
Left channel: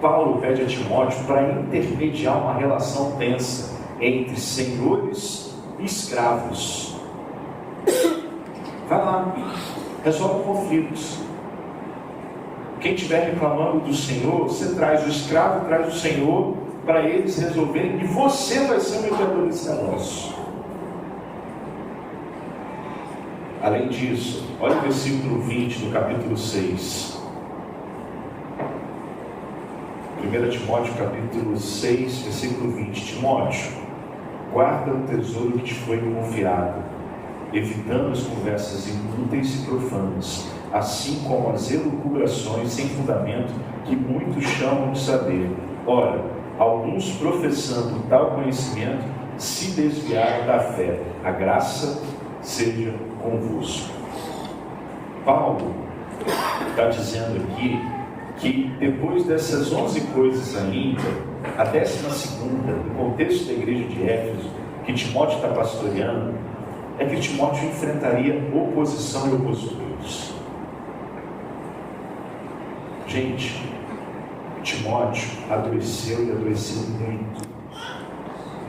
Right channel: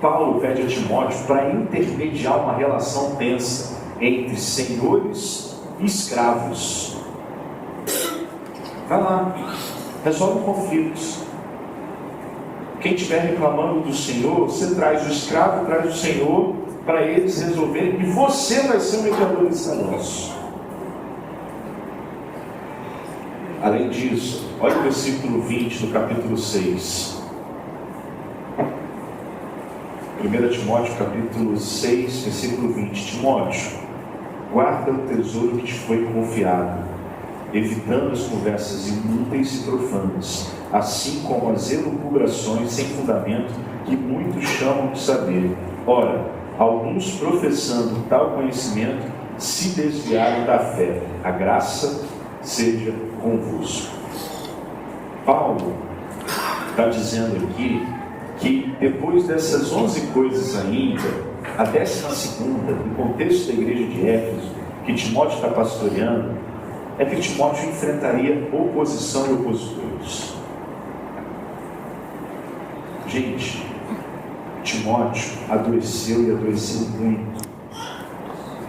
Paulo pede a Timóteo para intermediar uma relação tensa entre senhores e escravos. Vai lá, resolve conflitos. Quem estiver reclamando do Senhor, você traz o escravo, traz o Senhor, para eles resolverem, e você vai ser o mediador desse negócio. Além disso, olha o versículo 20 do capítulo 6. 1 Timóteo capítulo 6, versículo 20. Timóteo, guarda o tesouro que te foi confiado, evitando as conversas inúteis e profanas, assim como as elucubrações sem fundamento que muitos chamam de saber. Ora, alguns professando tal conhecimento se desviaram da fé. A graça seja convosco. Paulo está dizendo aqui que depois dessas 11 coisas ainda, a 12ª, no contexto da igreja de Éfeso, que Timóteo está pastoreando, é que Timóteo enfrentaria oposição e opositores. Gente, Timóteo adoeceu e adoeceu muito.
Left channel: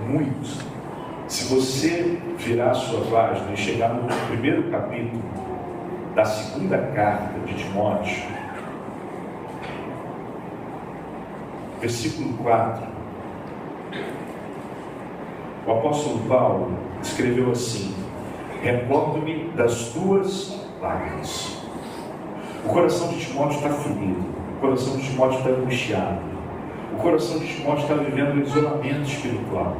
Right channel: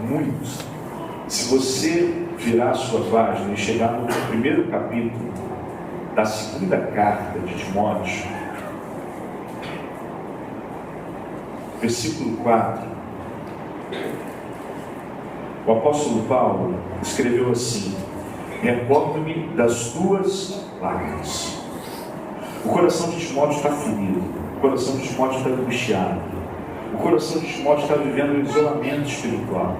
Muito. Se você virar a sua página e chegar no primeiro capítulo da 2ª carta de Timóteo, versículo 4, o apóstolo Paulo escreveu assim: recordo-me das tuas lágrimas. O coração de Timóteo está ferido, o coração de Timóteo está angustiado, o coração de Timóteo está vivendo um isolamento espiritual,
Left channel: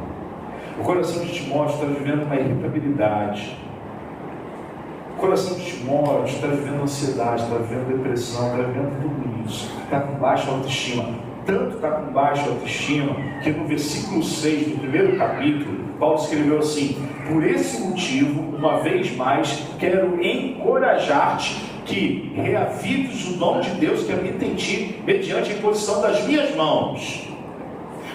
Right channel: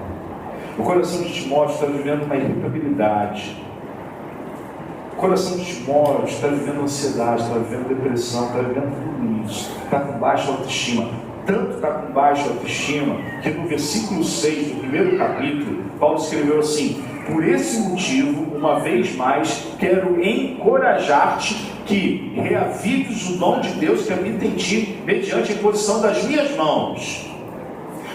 o coração de Timóteo está vivendo uma irritabilidade, o coração de Timóteo está vivendo ansiedade, está vivendo depressão, está vivendo tudo isso, está com baixa autoestima. Tanto está com baixa autoestima que no versículo 6 do primeiro capítulo, Paulo escreveu assim: por esse motivo, uma vez mais, quero encorajar-te que reavives o dom de Deus que habita em ti, mediante a imposição das minhas mãos.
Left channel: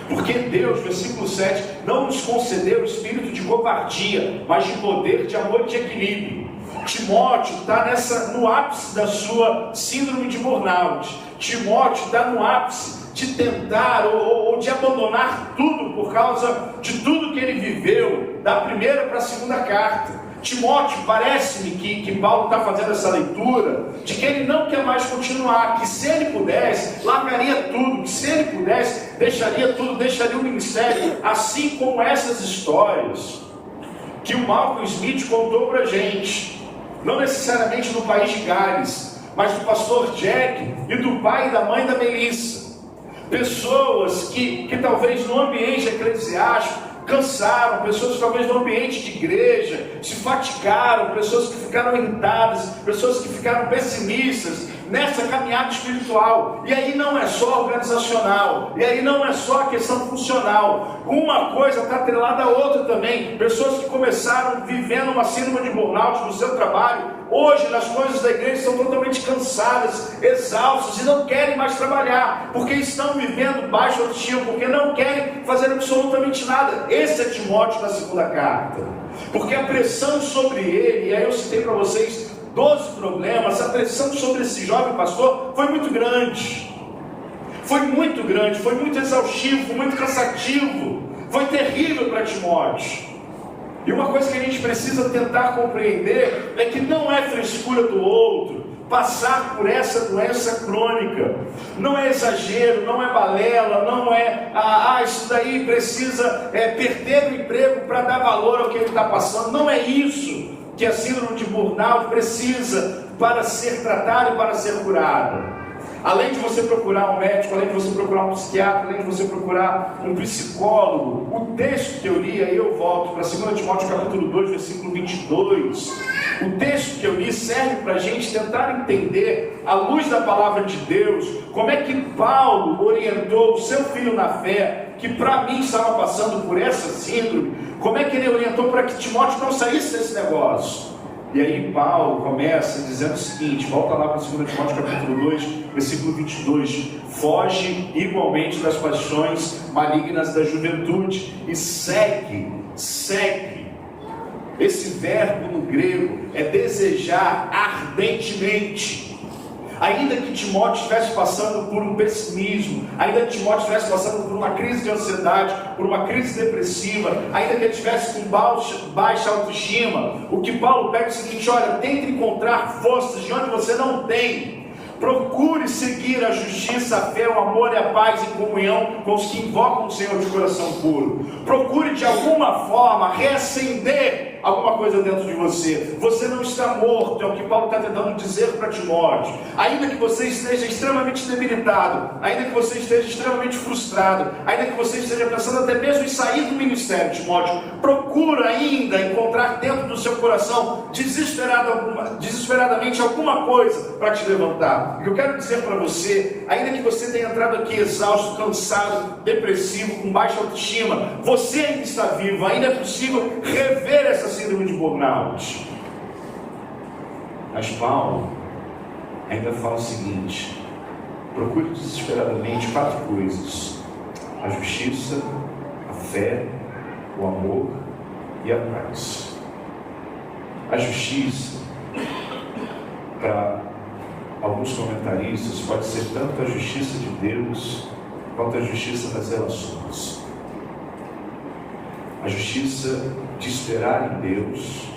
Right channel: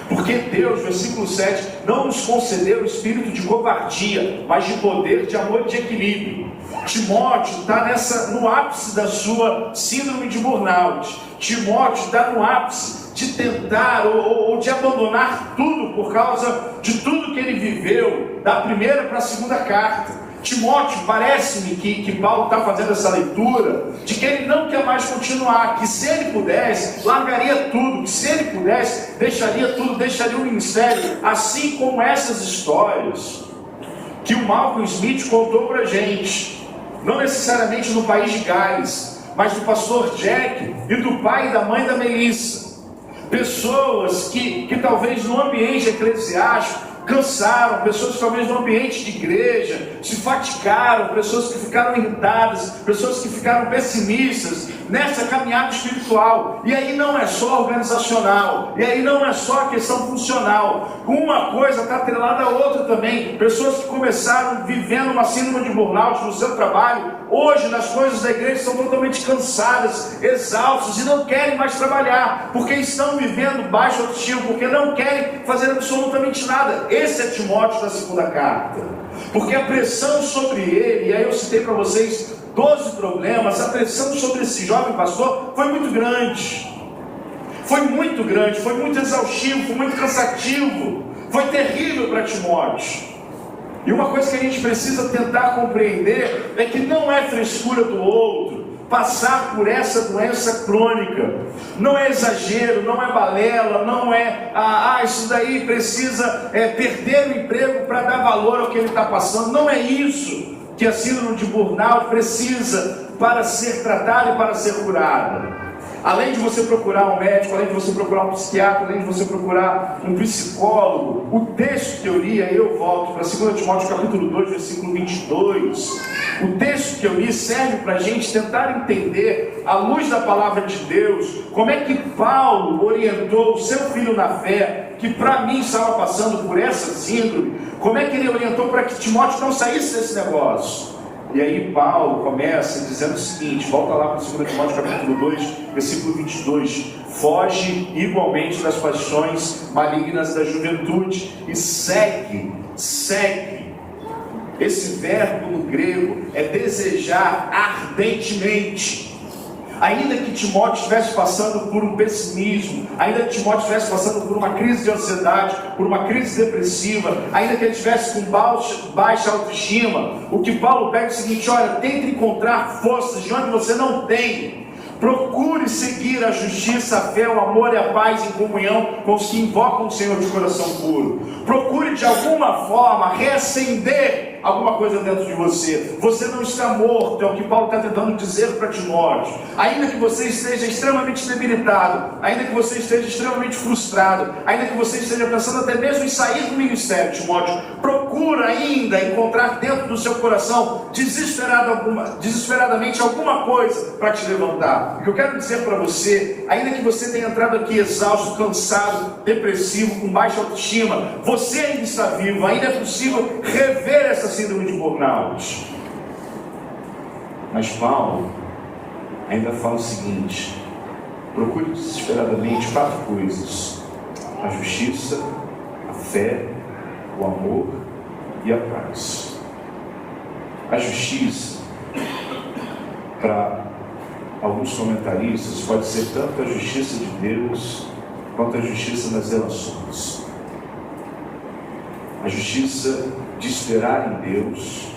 Porque Deus, versículo 7, não nos concedeu o espírito de covardia, mas de poder, de amor e de equilíbrio. Timóteo está no ápice da sua síndrome de burnout. Timóteo está no ápice de tentar ou de abandonar tudo por causa de tudo que ele viveu, da primeira para a 2ª carta. Timóteo, parece-me que Paulo está fazendo essa leitura, de que ele não quer mais continuar, que se ele pudesse, largaria tudo, que se ele pudesse, deixaria tudo, deixaria o ministério, assim como essas histórias que o Malcolm Smith contou para a gente, não necessariamente no país de Gales, mas do pastor Jack e do pai e da mãe da Melissa. Pessoas que talvez no ambiente eclesiástico cansaram, pessoas que talvez no ambiente de igreja se fatigaram, pessoas que ficaram irritadas, pessoas que ficaram pessimistas nessa caminhada espiritual. E aí não é só organizacional, e aí não é só a questão funcional. Uma coisa está atrelada à outra também. Pessoas que começaram vivendo uma síndrome de burnout no seu trabalho, hoje nas coisas da igreja estão totalmente cansadas, exaustas e não querem mais trabalhar, porque estão vivendo baixo autoestima, porque não querem fazer absolutamente nada. Esse é Timóteo da 2ª carta, porque a pressão sobre ele, e aí eu citei para vocês 12 problemas, a pressão sobre esse jovem pastor foi muito grande, foi muito exaustivo, foi muito cansativo, foi terrível para Timóteo. E uma coisa que a gente precisa tentar compreender é que não é frescura do outro passar por essa doença crônica, não é exagero, não é balela, não é isso daí precisa perder o emprego para dar valor ao que ele está passando. Não é isso que a síndrome de burnout precisa para ser tratada e para ser curada. Além de você procurar um médico, além de você procurar um psiquiatra, além de você procurar um psicólogo, o texto que eu li, aí eu volto para 2 Timóteo capítulo 2, versículo 22. O texto que eu li serve para a gente tentar entender, à luz da palavra de Deus, como é que Paulo orientou o seu filho na fé, que para mim estava passando por essa síndrome, como é que ele orientou para que Timóteo não saísse desse negócio. E aí Paulo começa dizendo o seguinte, volta lá para 2 Timóteo capítulo 2, versículo 22, foge igualmente das paixões malignas da juventude e segue. Esse verbo no grego é desejar ardentemente. Ainda que Timóteo estivesse passando por um pessimismo, ainda que Timóteo estivesse passando por uma crise de ansiedade, por uma crise depressiva, ainda que ele estivesse com baixa autoestima, o que Paulo pede é o seguinte: olha, tente encontrar forças de onde você não tem. Procure seguir a justiça, a fé, o amor e a paz em comunhão com os que invocam o Senhor de coração puro. Procure de alguma forma reacender alguma coisa dentro de você. Você não está morto, é o que Paulo está tentando dizer para Timóteo. Ainda que você esteja extremamente debilitado, ainda que você esteja extremamente frustrado, ainda que você esteja pensando até mesmo em sair do ministério, Timóteo, procura ainda encontrar dentro do seu coração desesperadamente alguma coisa para te levantar. O que eu quero dizer para você, ainda que você tenha entrado aqui exausto, cansado, depressivo, com baixa autoestima, você ainda está vivo, ainda é possível rever essa síndrome de burnout. Mas Paulo ainda fala o seguinte: procure desesperadamente 4 coisas: a justiça, a fé, o amor e a paz. A justiça, para alguns comentaristas, pode ser tanto a justiça de Deus quanto a justiça das relações. A justiça de esperar em Deus,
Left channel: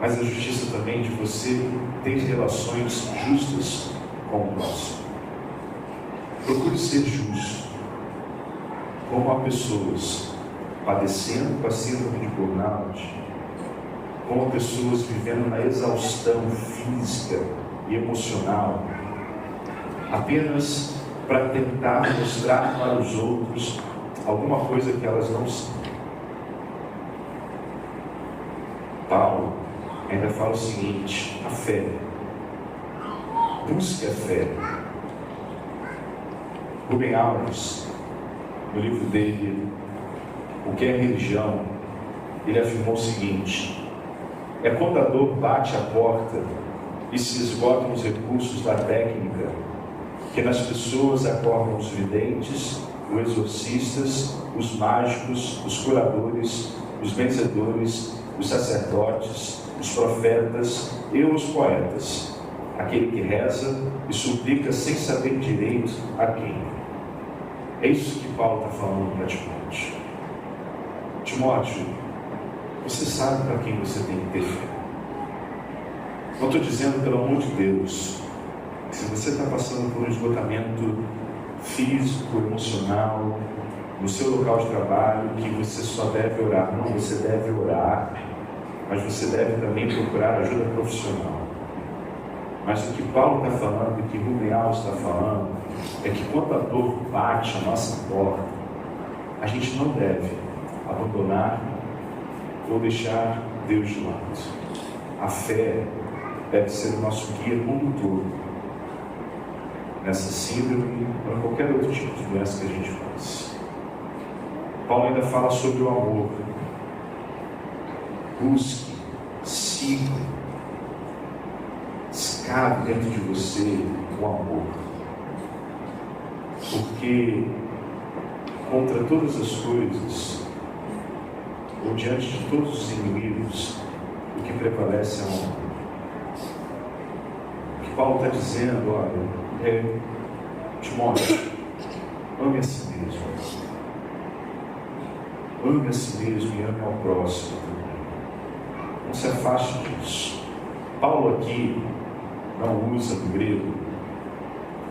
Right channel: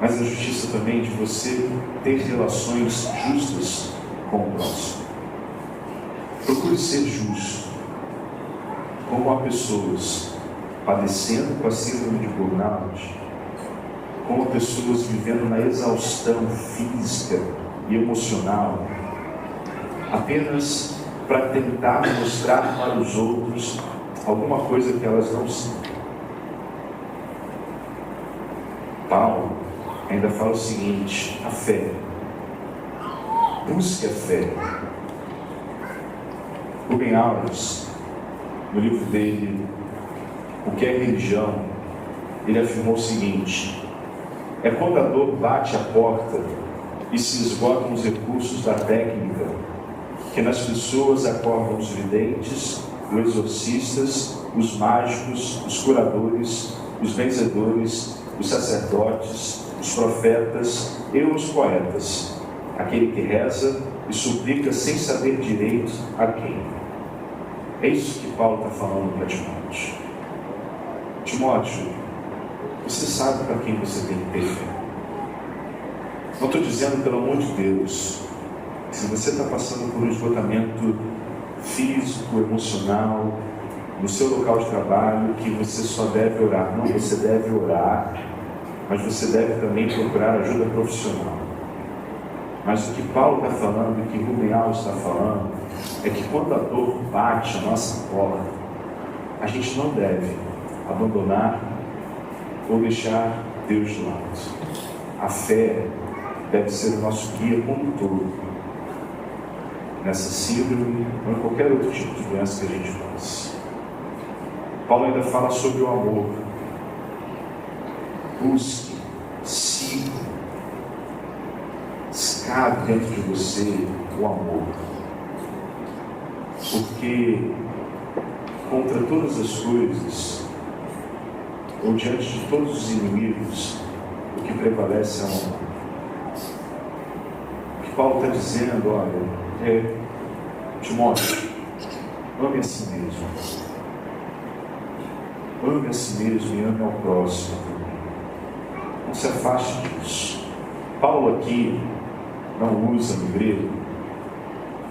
mas a justiça também de você ter relações justas com o próximo. Procure ser justo, como há pessoas padecendo com a síndrome de burnout, como há pessoas vivendo na exaustão física e emocional, apenas para tentar mostrar para os outros alguma coisa que elas não são. Paulo ainda fala o seguinte: a fé. Busque a fé. Rubem Alves, no livro dele, O que é Religião, ele afirmou o seguinte: é quando a dor bate a porta e se esgotam os recursos da técnica, que nas pessoas acordam os videntes, os exorcistas, os mágicos, os curadores, os benzedores, os sacerdotes, os profetas e os poetas, aquele que reza e suplica sem saber direito a quem. É isso que Paulo está falando para Timóteo. Timóteo, você sabe para quem você tem que ter fé. Não estou dizendo, pelo amor de Deus, se você está passando por um esgotamento físico, emocional, no seu local de trabalho, que você só deve orar. Não, você deve orar, mas você deve também procurar ajuda profissional. Mas o que Paulo está falando, o que Rubem Alves está falando, é que quando a dor bate a nossa porta, a gente não deve abandonar ou deixar Deus de lado. A fé deve ser o nosso guia condutor nessa síndrome ou em qualquer outro tipo de doença que a gente passa. Paulo ainda fala sobre o amor. Busque, siga, cabe dentro de você o amor. Porque contra todas as coisas, ou diante de todos os inimigos, o que prevalece é o amor. O que Paulo está dizendo, olha, é: Timóteo, ame a si mesmo. Ame a si mesmo e ame ao próximo. Não se afaste disso. Paulo aqui não usa no grego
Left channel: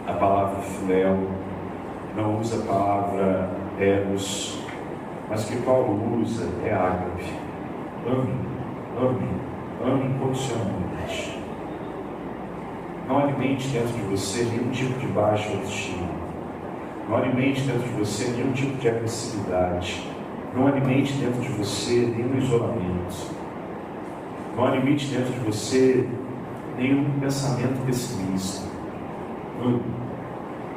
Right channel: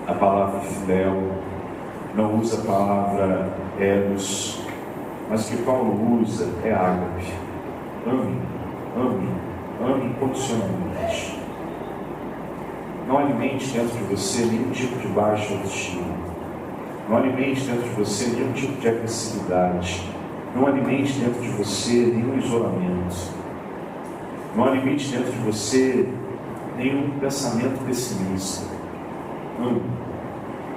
a palavra filéu, não usa a palavra eros, mas o que Paulo usa é ágape. Ame incondicionalmente. Não alimente dentro de você nenhum tipo de baixa autoestima. Não alimente dentro de você nenhum tipo de agressividade. Não alimente dentro de você nenhum isolamento. Não alimente dentro de você nenhum pensamento pessimista.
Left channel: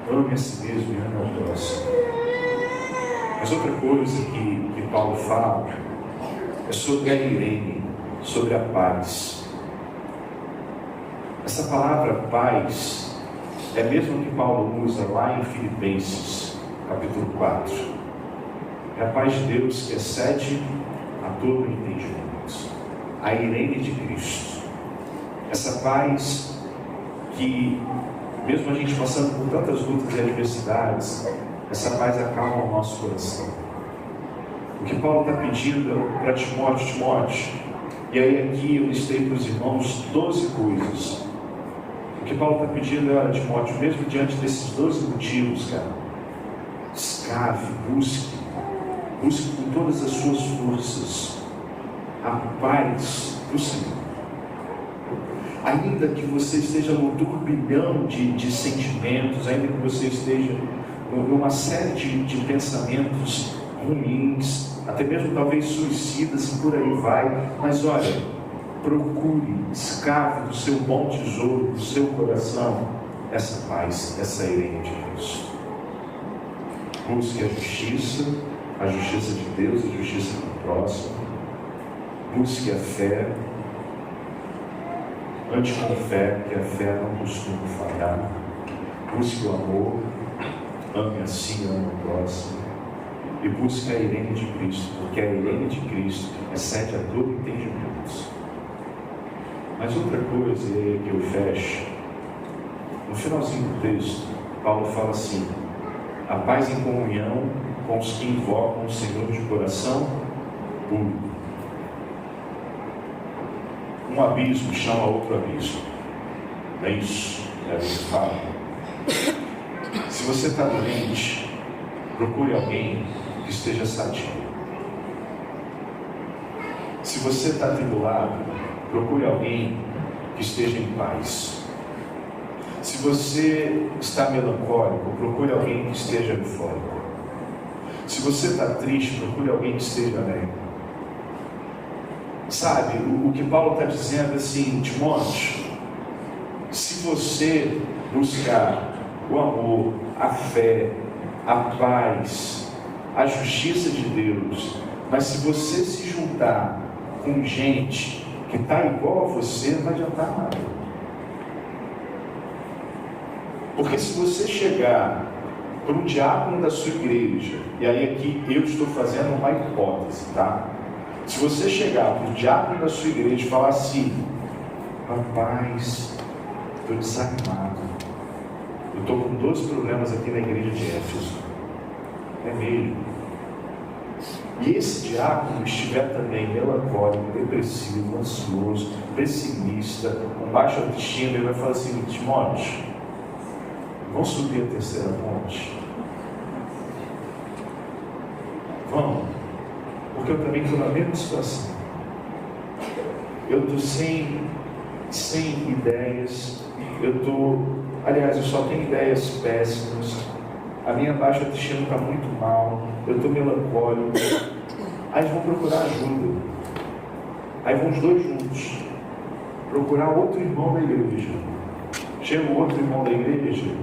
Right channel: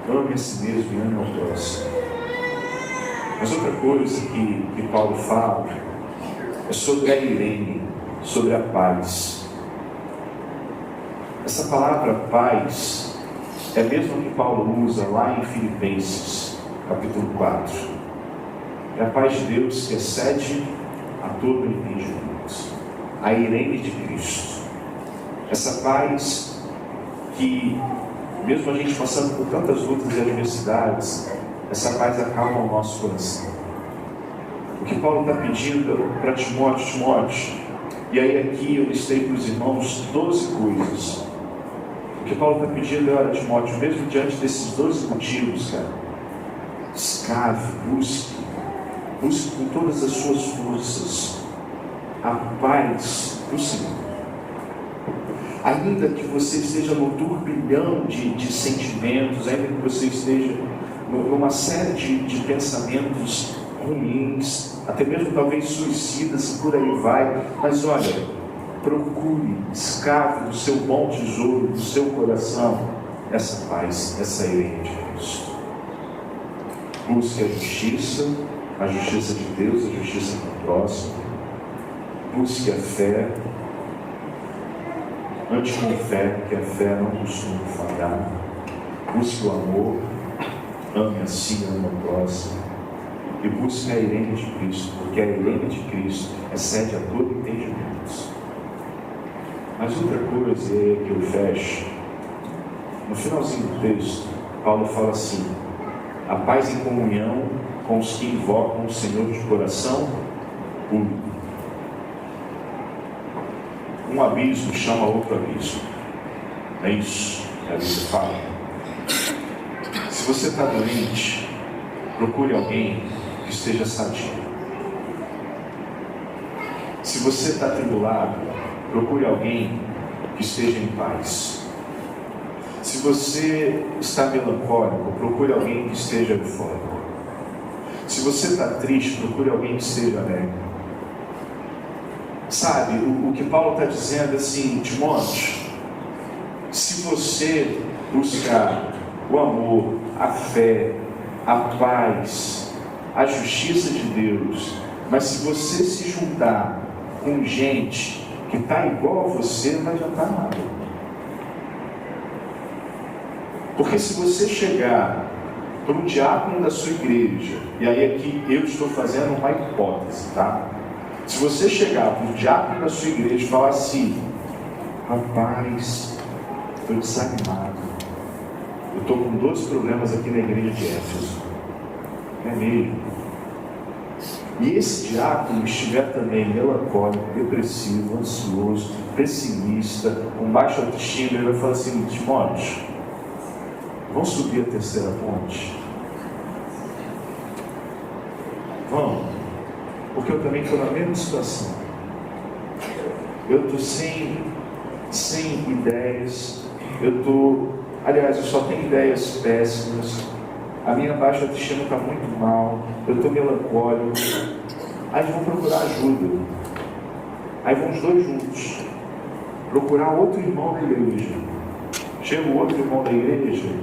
Ame a si mesmo e ame ao próximo. Mas outra coisa que Paulo fala é sobre a irene, sobre a paz. Essa palavra paz é a mesma que Paulo usa lá em Filipenses, capítulo 4. É a paz de Deus que excede a todo entendimento. A irene de Cristo. Essa paz que, mesmo a gente passando por tantas lutas e adversidades, essa paz acalma o nosso coração. O que Paulo está pedindo para Timóteo, e aí aqui eu listei para os irmãos 12 coisas. O que Paulo está pedindo a Timóteo, mesmo diante desses 12 motivos, cara, escrave, busque com todas as suas forças a paz do Senhor. Ainda que você esteja no turbilhão de sentimentos, ainda que você esteja numa série de pensamentos ruins, até mesmo talvez suicidas, por aí vai, mas olha, procure, escave do seu bom tesouro, do seu coração, essa paz, essa ira de Deus. Busque a justiça de Deus, a justiça do próximo. Busque a fé. Ande com fé, que a fé não costuma falhar. Busque o amor. Ame assim, ame o próximo. E busque a Irene de Cristo, porque a Irene de Cristo excede a todo entendimento. Mas outra coisa, e aí que eu fecho, no finalzinho do texto, Paulo fala assim: a paz em comunhão com os que invocam o Senhor de coração puro. Um abismo chama outro abismo. Não é isso que a Bíblia fala? Se você está doente, procure alguém que esteja sadio. Se você está atribulado, procure alguém que esteja em paz. Se você está melancólico, procure alguém que esteja eufórico. Se você está triste, procure alguém que esteja alegre. Sabe, o que Paulo está dizendo assim, Timóteo, se você buscar o amor, a fé, a paz, a justiça de Deus, mas se você se juntar com gente que está igual a você, não vai adiantar nada. Porque se você chegar para o diácono da sua igreja, e aí aqui eu estou fazendo uma hipótese, tá? Se você chegar para o diácono da sua igreja e falar assim: rapaz, estou desanimado, eu estou com 2 problemas aqui na igreja de Éfeso. É mesmo. E esse diácono estiver também melancólico, depressivo, ansioso, pessimista, com baixa autoestima, ele vai falar assim: Timóteo, vamos subir a 3ª ponte? Vamos, porque eu também estou na mesma situação. Eu estou sem ideias, aliás, eu só tenho ideias péssimas, a minha baixa autoestima está muito mal, eu estou melancólico. Aí eles vão procurar ajuda. Aí vão os 2 juntos procurar outro irmão da igreja. Chega o outro irmão da igreja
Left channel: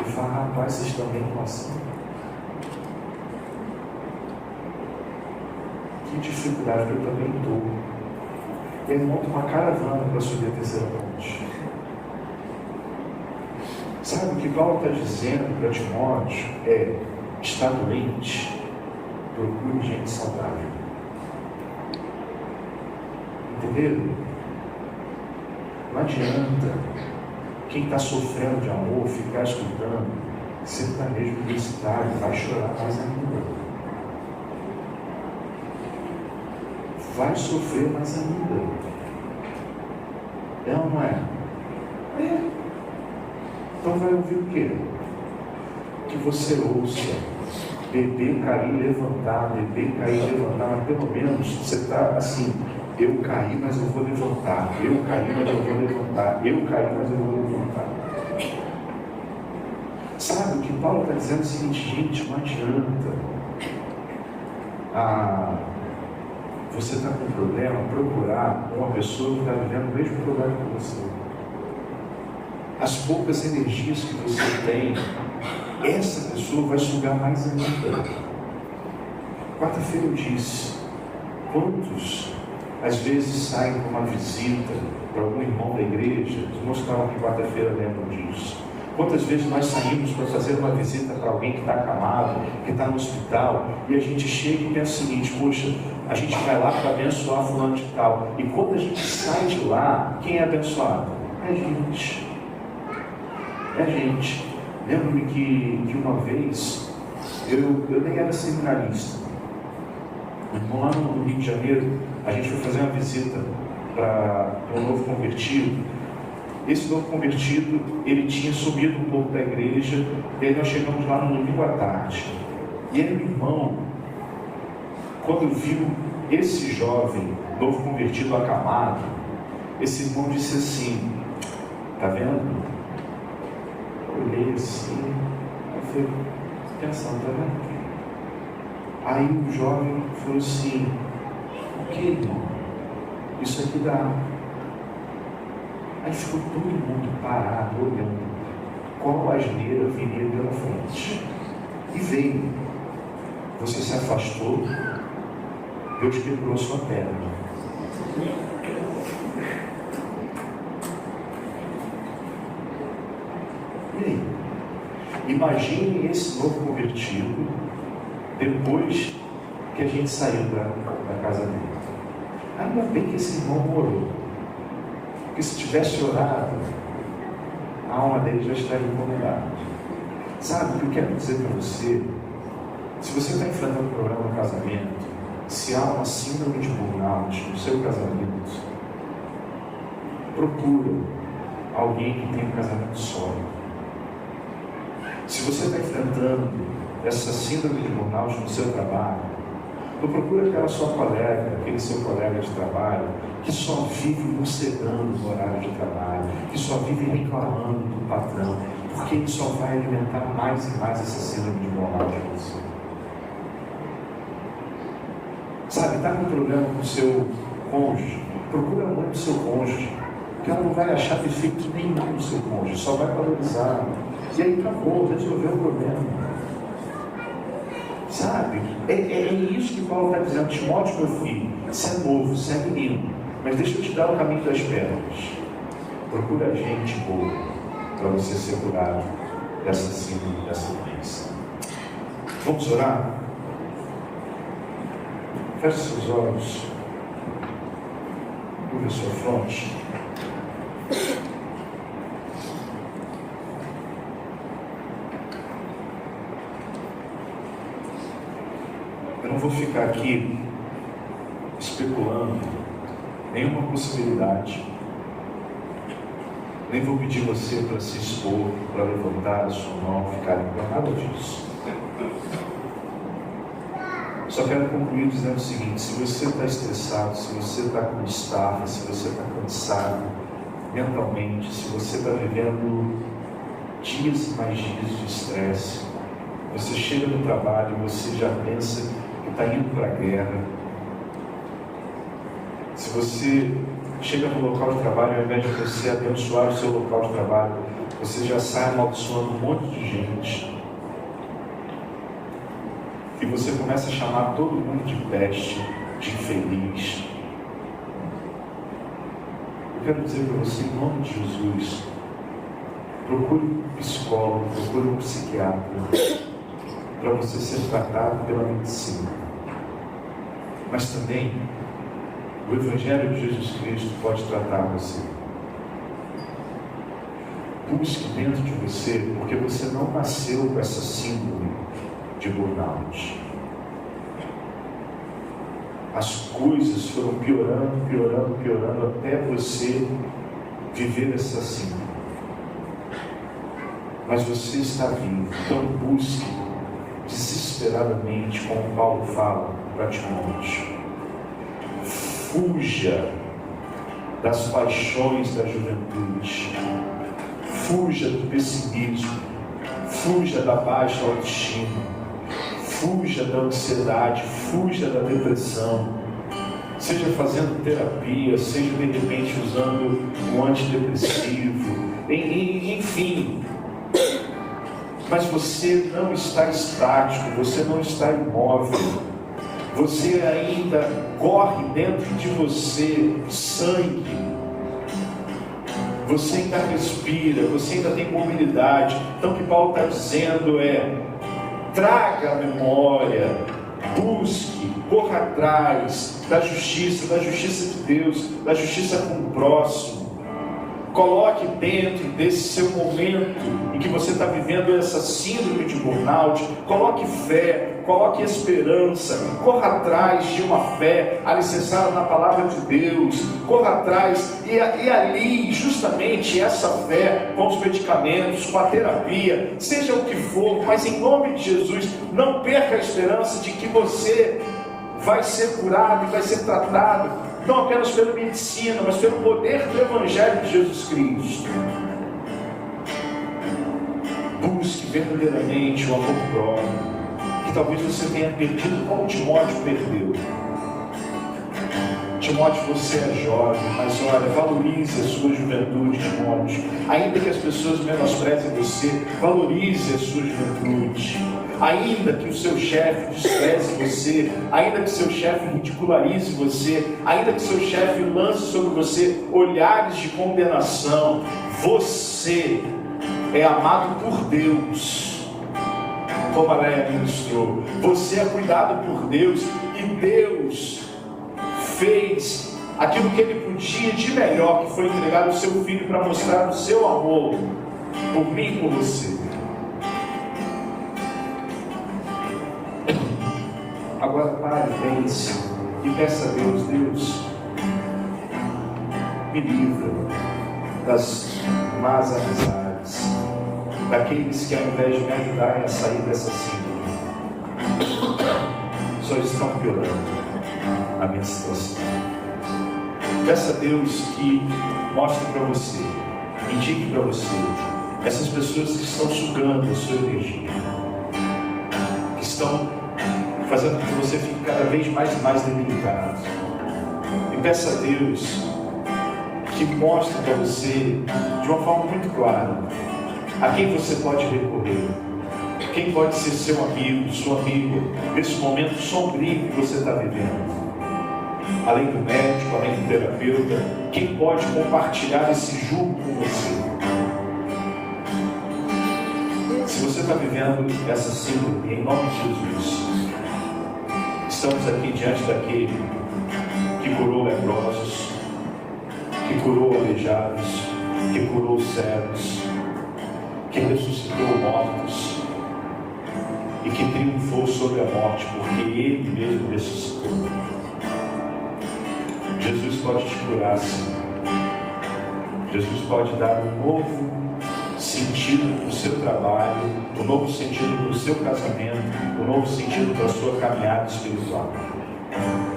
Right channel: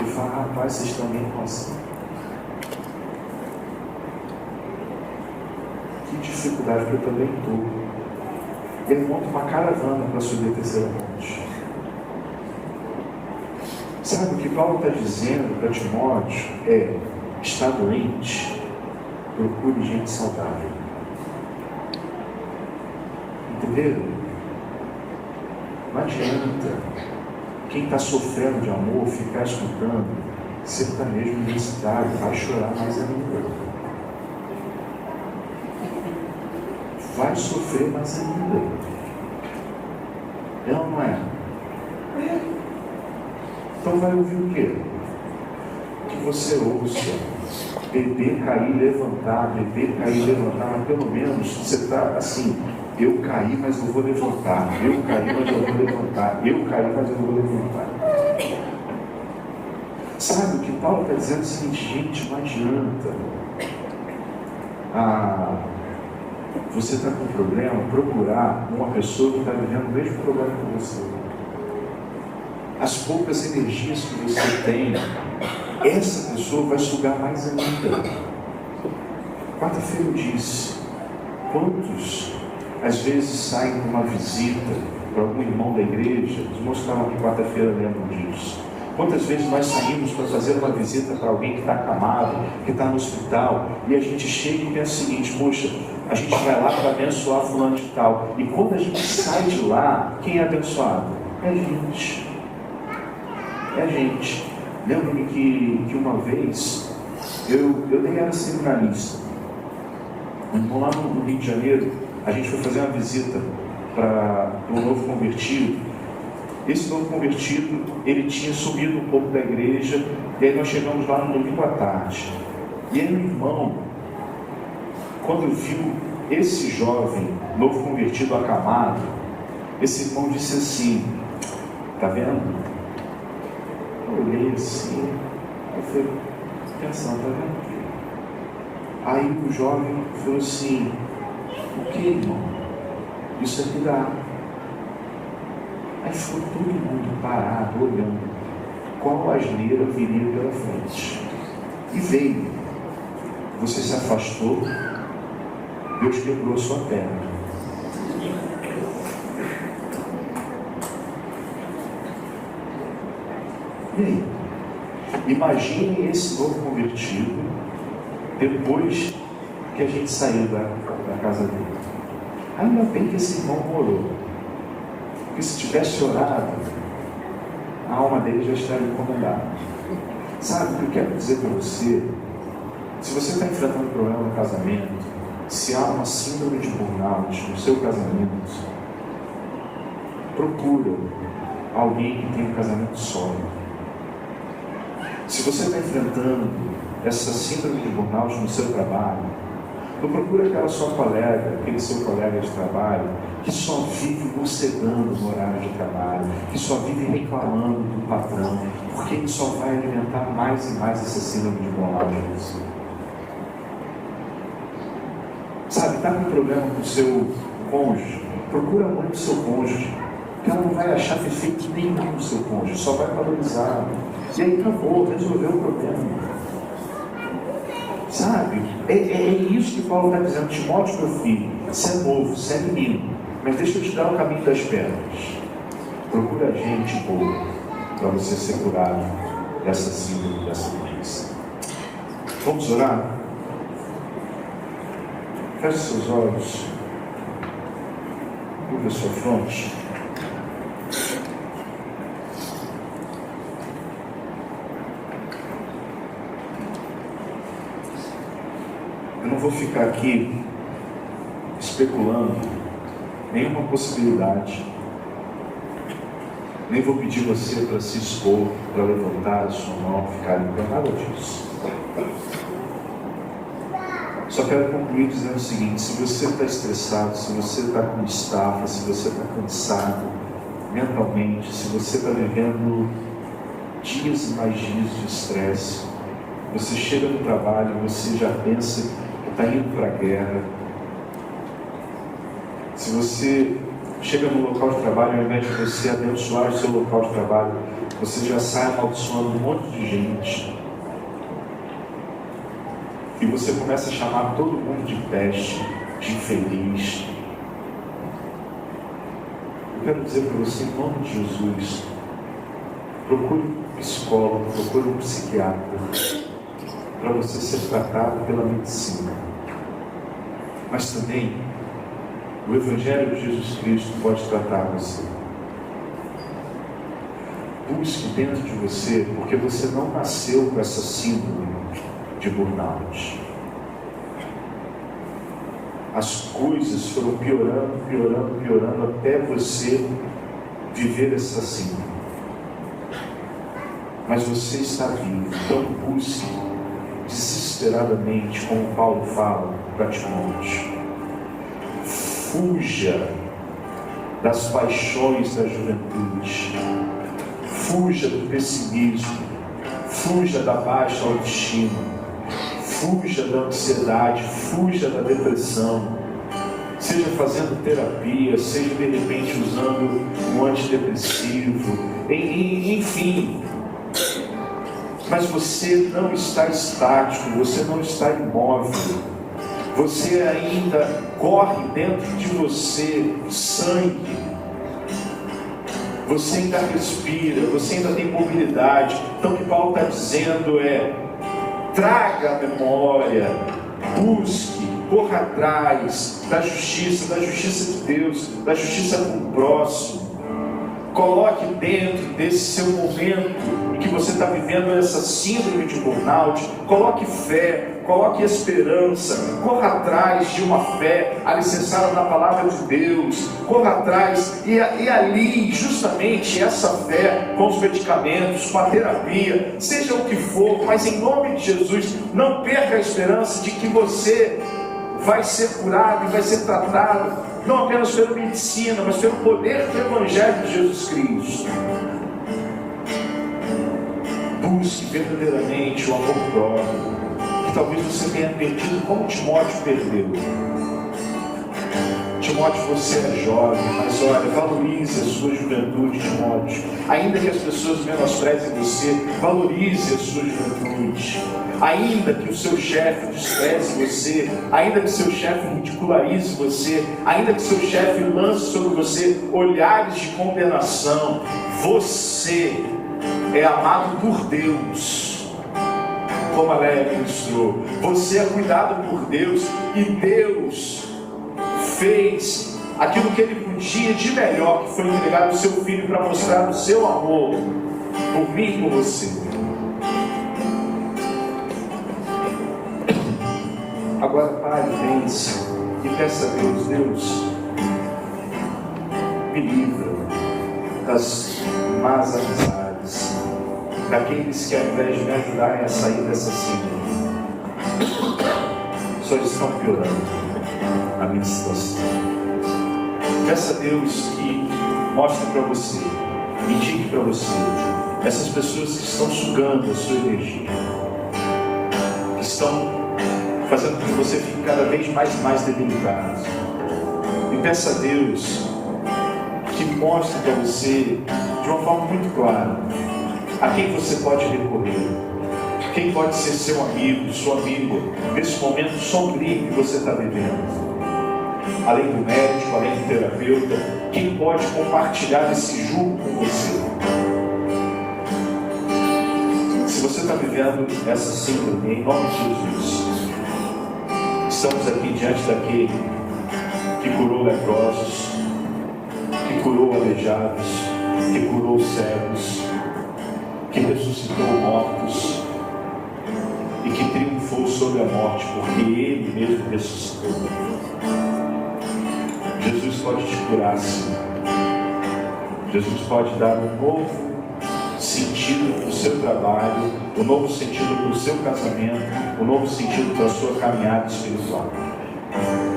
e fala: rapaz, vocês também estão assim? Que dificuldade, que eu também estou. Ele monta uma caravana para subir a 3ª ponte. Sabe o que Paulo está dizendo para Timóteo? Está doente, procure gente saudável. Entenderam? Não adianta quem está sofrendo de amor ficar escutando sertanejo universitário, vai chorar mais ainda. Vai sofrer mais ainda. É ou não é? Então vai ouvir o quê? Que você ouça beber, cair, levantar, beber, cair, levantar, mas pelo menos você está assim: eu caí, mas eu vou levantar, eu caí, mas eu vou levantar, eu caí, mas eu vou levantar. Sabe o que Paulo está dizendo? É o seguinte: gente, não adianta você está com um problema, procurar uma pessoa que está vivendo o mesmo problema que você. As poucas energias que você tem, essa pessoa vai sugar mais ainda. Quarta-feira eu disse: quantos às vezes saem para uma visita para algum irmão da igreja? Os irmãos que estavam aqui quarta-feira lembram disso. Quantas vezes nós saímos para fazer uma visita para alguém que está acamado, que está no hospital, e a gente chega e pensa o seguinte: poxa, a gente vai lá para abençoar fulano de tal. E quando a gente sai de lá, quem é abençoado? É a gente. gente. Lembro-me que uma vez eu nem era seminarista. Então, lá no Rio de Janeiro, a gente foi fazer uma visita para um novo convertido. Esse novo convertido, ele tinha sumido um pouco da igreja, e aí nós chegamos lá no domingo à tarde. E aí o irmão, quando viu esse jovem, novo convertido, acamado, esse irmão disse assim: tá vendo? Eu olhei assim, aí foi pensando, tá vendo? Aí o jovem falou assim: o que, irmão? Isso aqui dá. Aí ficou todo mundo parado, olhando qual asneira viria pela frente. E veio. Você se afastou, Deus quebrou sua perna. E aí? Imagine esse novo convertido depois que a gente saiu da casa dele. Ainda bem que esse irmão morou. Porque se tivesse orado, a alma dele já estaria incomodada. Sabe o que eu quero dizer para você? Se você está enfrentando um problema no casamento, se há uma síndrome de burnout no seu casamento, procura alguém que tenha um casamento sólido. Se você está enfrentando essa síndrome de burnout no seu trabalho, não procura aquela sua colega, aquele seu colega de trabalho, que só vive mocegando no horário de trabalho, que só vive reclamando do patrão, porque ele só vai alimentar mais e mais essa síndrome de burnout. Sabe, está com problema com o seu cônjuge, procura alguém do seu cônjuge, que ela não vai achar defeito nenhum no seu cônjuge, só vai valorizar. E aí acabou, resolveu o problema. Sabe? É isso que Paulo está dizendo: Timóteo, meu filho, você é novo, você é menino, mas deixa eu te dar o caminho das pedras. Procura gente boa para você ser curado dessa síndrome, dessa doença. Vamos orar? Feche seus olhos, curva a sua fronte. Eu não vou ficar aqui especulando nenhuma possibilidade, nem vou pedir você para se expor, para levantar a sua mão, ficar em pé, nada disso. Só quero concluir dizendo o seguinte: se você está estressado, se você está com estafa, se você está cansado mentalmente, se você está vivendo dias e mais dias de estresse, você chega no trabalho, você já pensa que está indo para a guerra. Se você chega no local de trabalho, ao invés de você abençoar o seu local de trabalho, você já sai amaldiçoando um monte de gente. E você começa a chamar todo mundo de peste, de infeliz. Eu quero dizer para você, em nome de Jesus, procure um psicólogo, procure um psiquiatra, para você ser tratado pela medicina. Mas também, o Evangelho de Jesus Cristo pode tratar você. Busque dentro de você, porque você não nasceu com essa síndrome de burnout. As coisas foram piorando até você viver essa síndrome. Mas você está vivo, então busque desesperadamente, como Paulo fala para Timóteo. Fuja das paixões da juventude, fuja do pessimismo, fuja da baixa autoestima, fuja da ansiedade, fuja da depressão, seja fazendo terapia, seja de repente usando um antidepressivo, enfim. Mas você não está estático, você não está imóvel, você ainda corre dentro de você sangue, você ainda respira, você ainda tem mobilidade. Então o que Paulo está dizendo é: traga a memória, busque, corra atrás da justiça de Deus, da justiça com o próximo. Coloque dentro desse seu momento em que você está vivendo essa síndrome de burnout, coloque fé, coloque esperança, corra atrás de uma fé alicerçada na palavra de Deus, corra atrás e ali justamente essa fé com os medicamentos, com a terapia, seja o que for, mas em nome de Jesus, não perca a esperança de que você vai ser curado e vai ser tratado, não apenas pela medicina, mas pelo poder do Evangelho de Jesus Cristo. Busque verdadeiramente o amor próprio, que talvez você tenha perdido como Timóteo perdeu. Timóteo, você é jovem, mas olha, valorize a sua juventude, Timóteo. Ainda que as pessoas menosprezem você, valorize a sua juventude. Ainda que o seu chefe despreze você, ainda que seu chefe ridicularize você, ainda que seu chefe lance sobre você olhares de condenação, você é amado por Deus, como a Léa ministrou. Você é cuidado por Deus e Deus fez aquilo que Ele podia de melhor, que foi entregar o seu Filho para mostrar o seu amor por mim e por você. Agora pare, pense e peça a Deus: Deus, me livra das más amizades, daqueles que ao invés de me ajudarem a sair dessa síndrome, só estão piorando a minha situação. Peça a Deus que mostre para você, indique para você essas pessoas que estão sugando a sua energia, que estão fazendo com que você fique cada vez mais debilitado. E peça a Deus que mostre para você de uma forma muito clara a quem você pode recorrer, quem pode ser seu amigo, sua amiga, nesse momento sombrio que você está vivendo. Além do médico, além do terapeuta, quem pode compartilhar esse jugo com você. Se você está vivendo essa síndrome, em nome de Jesus, estamos aqui diante daquele que curou leprosos, que curou aleijados, que curou cegos, que ressuscitou mortos e que triunfou sobre a morte, porque Ele mesmo ressuscitou. Jesus pode te curar, sim. Jesus pode dar um novo sentido para o seu trabalho, um novo sentido para o seu casamento, um novo sentido para a sua caminhada espiritual.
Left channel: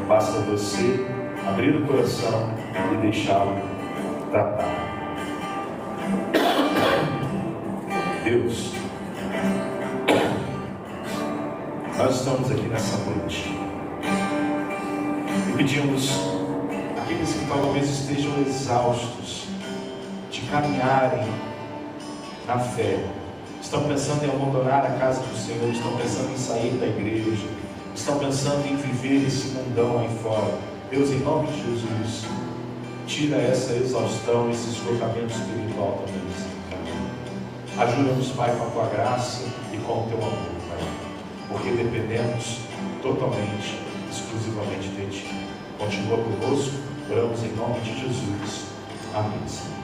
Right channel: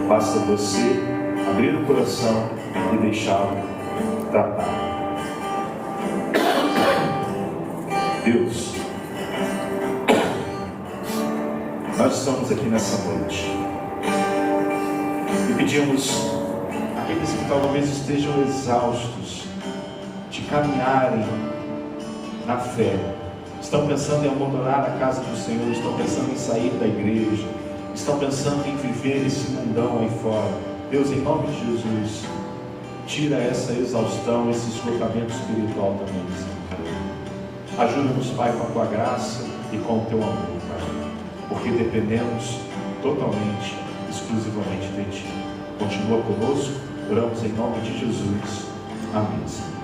Basta você abrir o coração e deixá-lo tratar. Deus, nós estamos aqui nessa noite e pedimos aqueles que talvez estejam exaustos de caminharem na fé, estão pensando em abandonar a casa do Senhor, estão pensando em sair da igreja, estão pensando em viver esse mundão aí fora. Deus, em nome de Jesus, tira essa exaustão, esse esgotamento espiritual também, Senhor. Ajuda-nos, Pai, com a Tua graça e com o Teu amor, Pai, porque dependemos totalmente, exclusivamente de Ti. Continua conosco, oramos em nome de Jesus. Amém.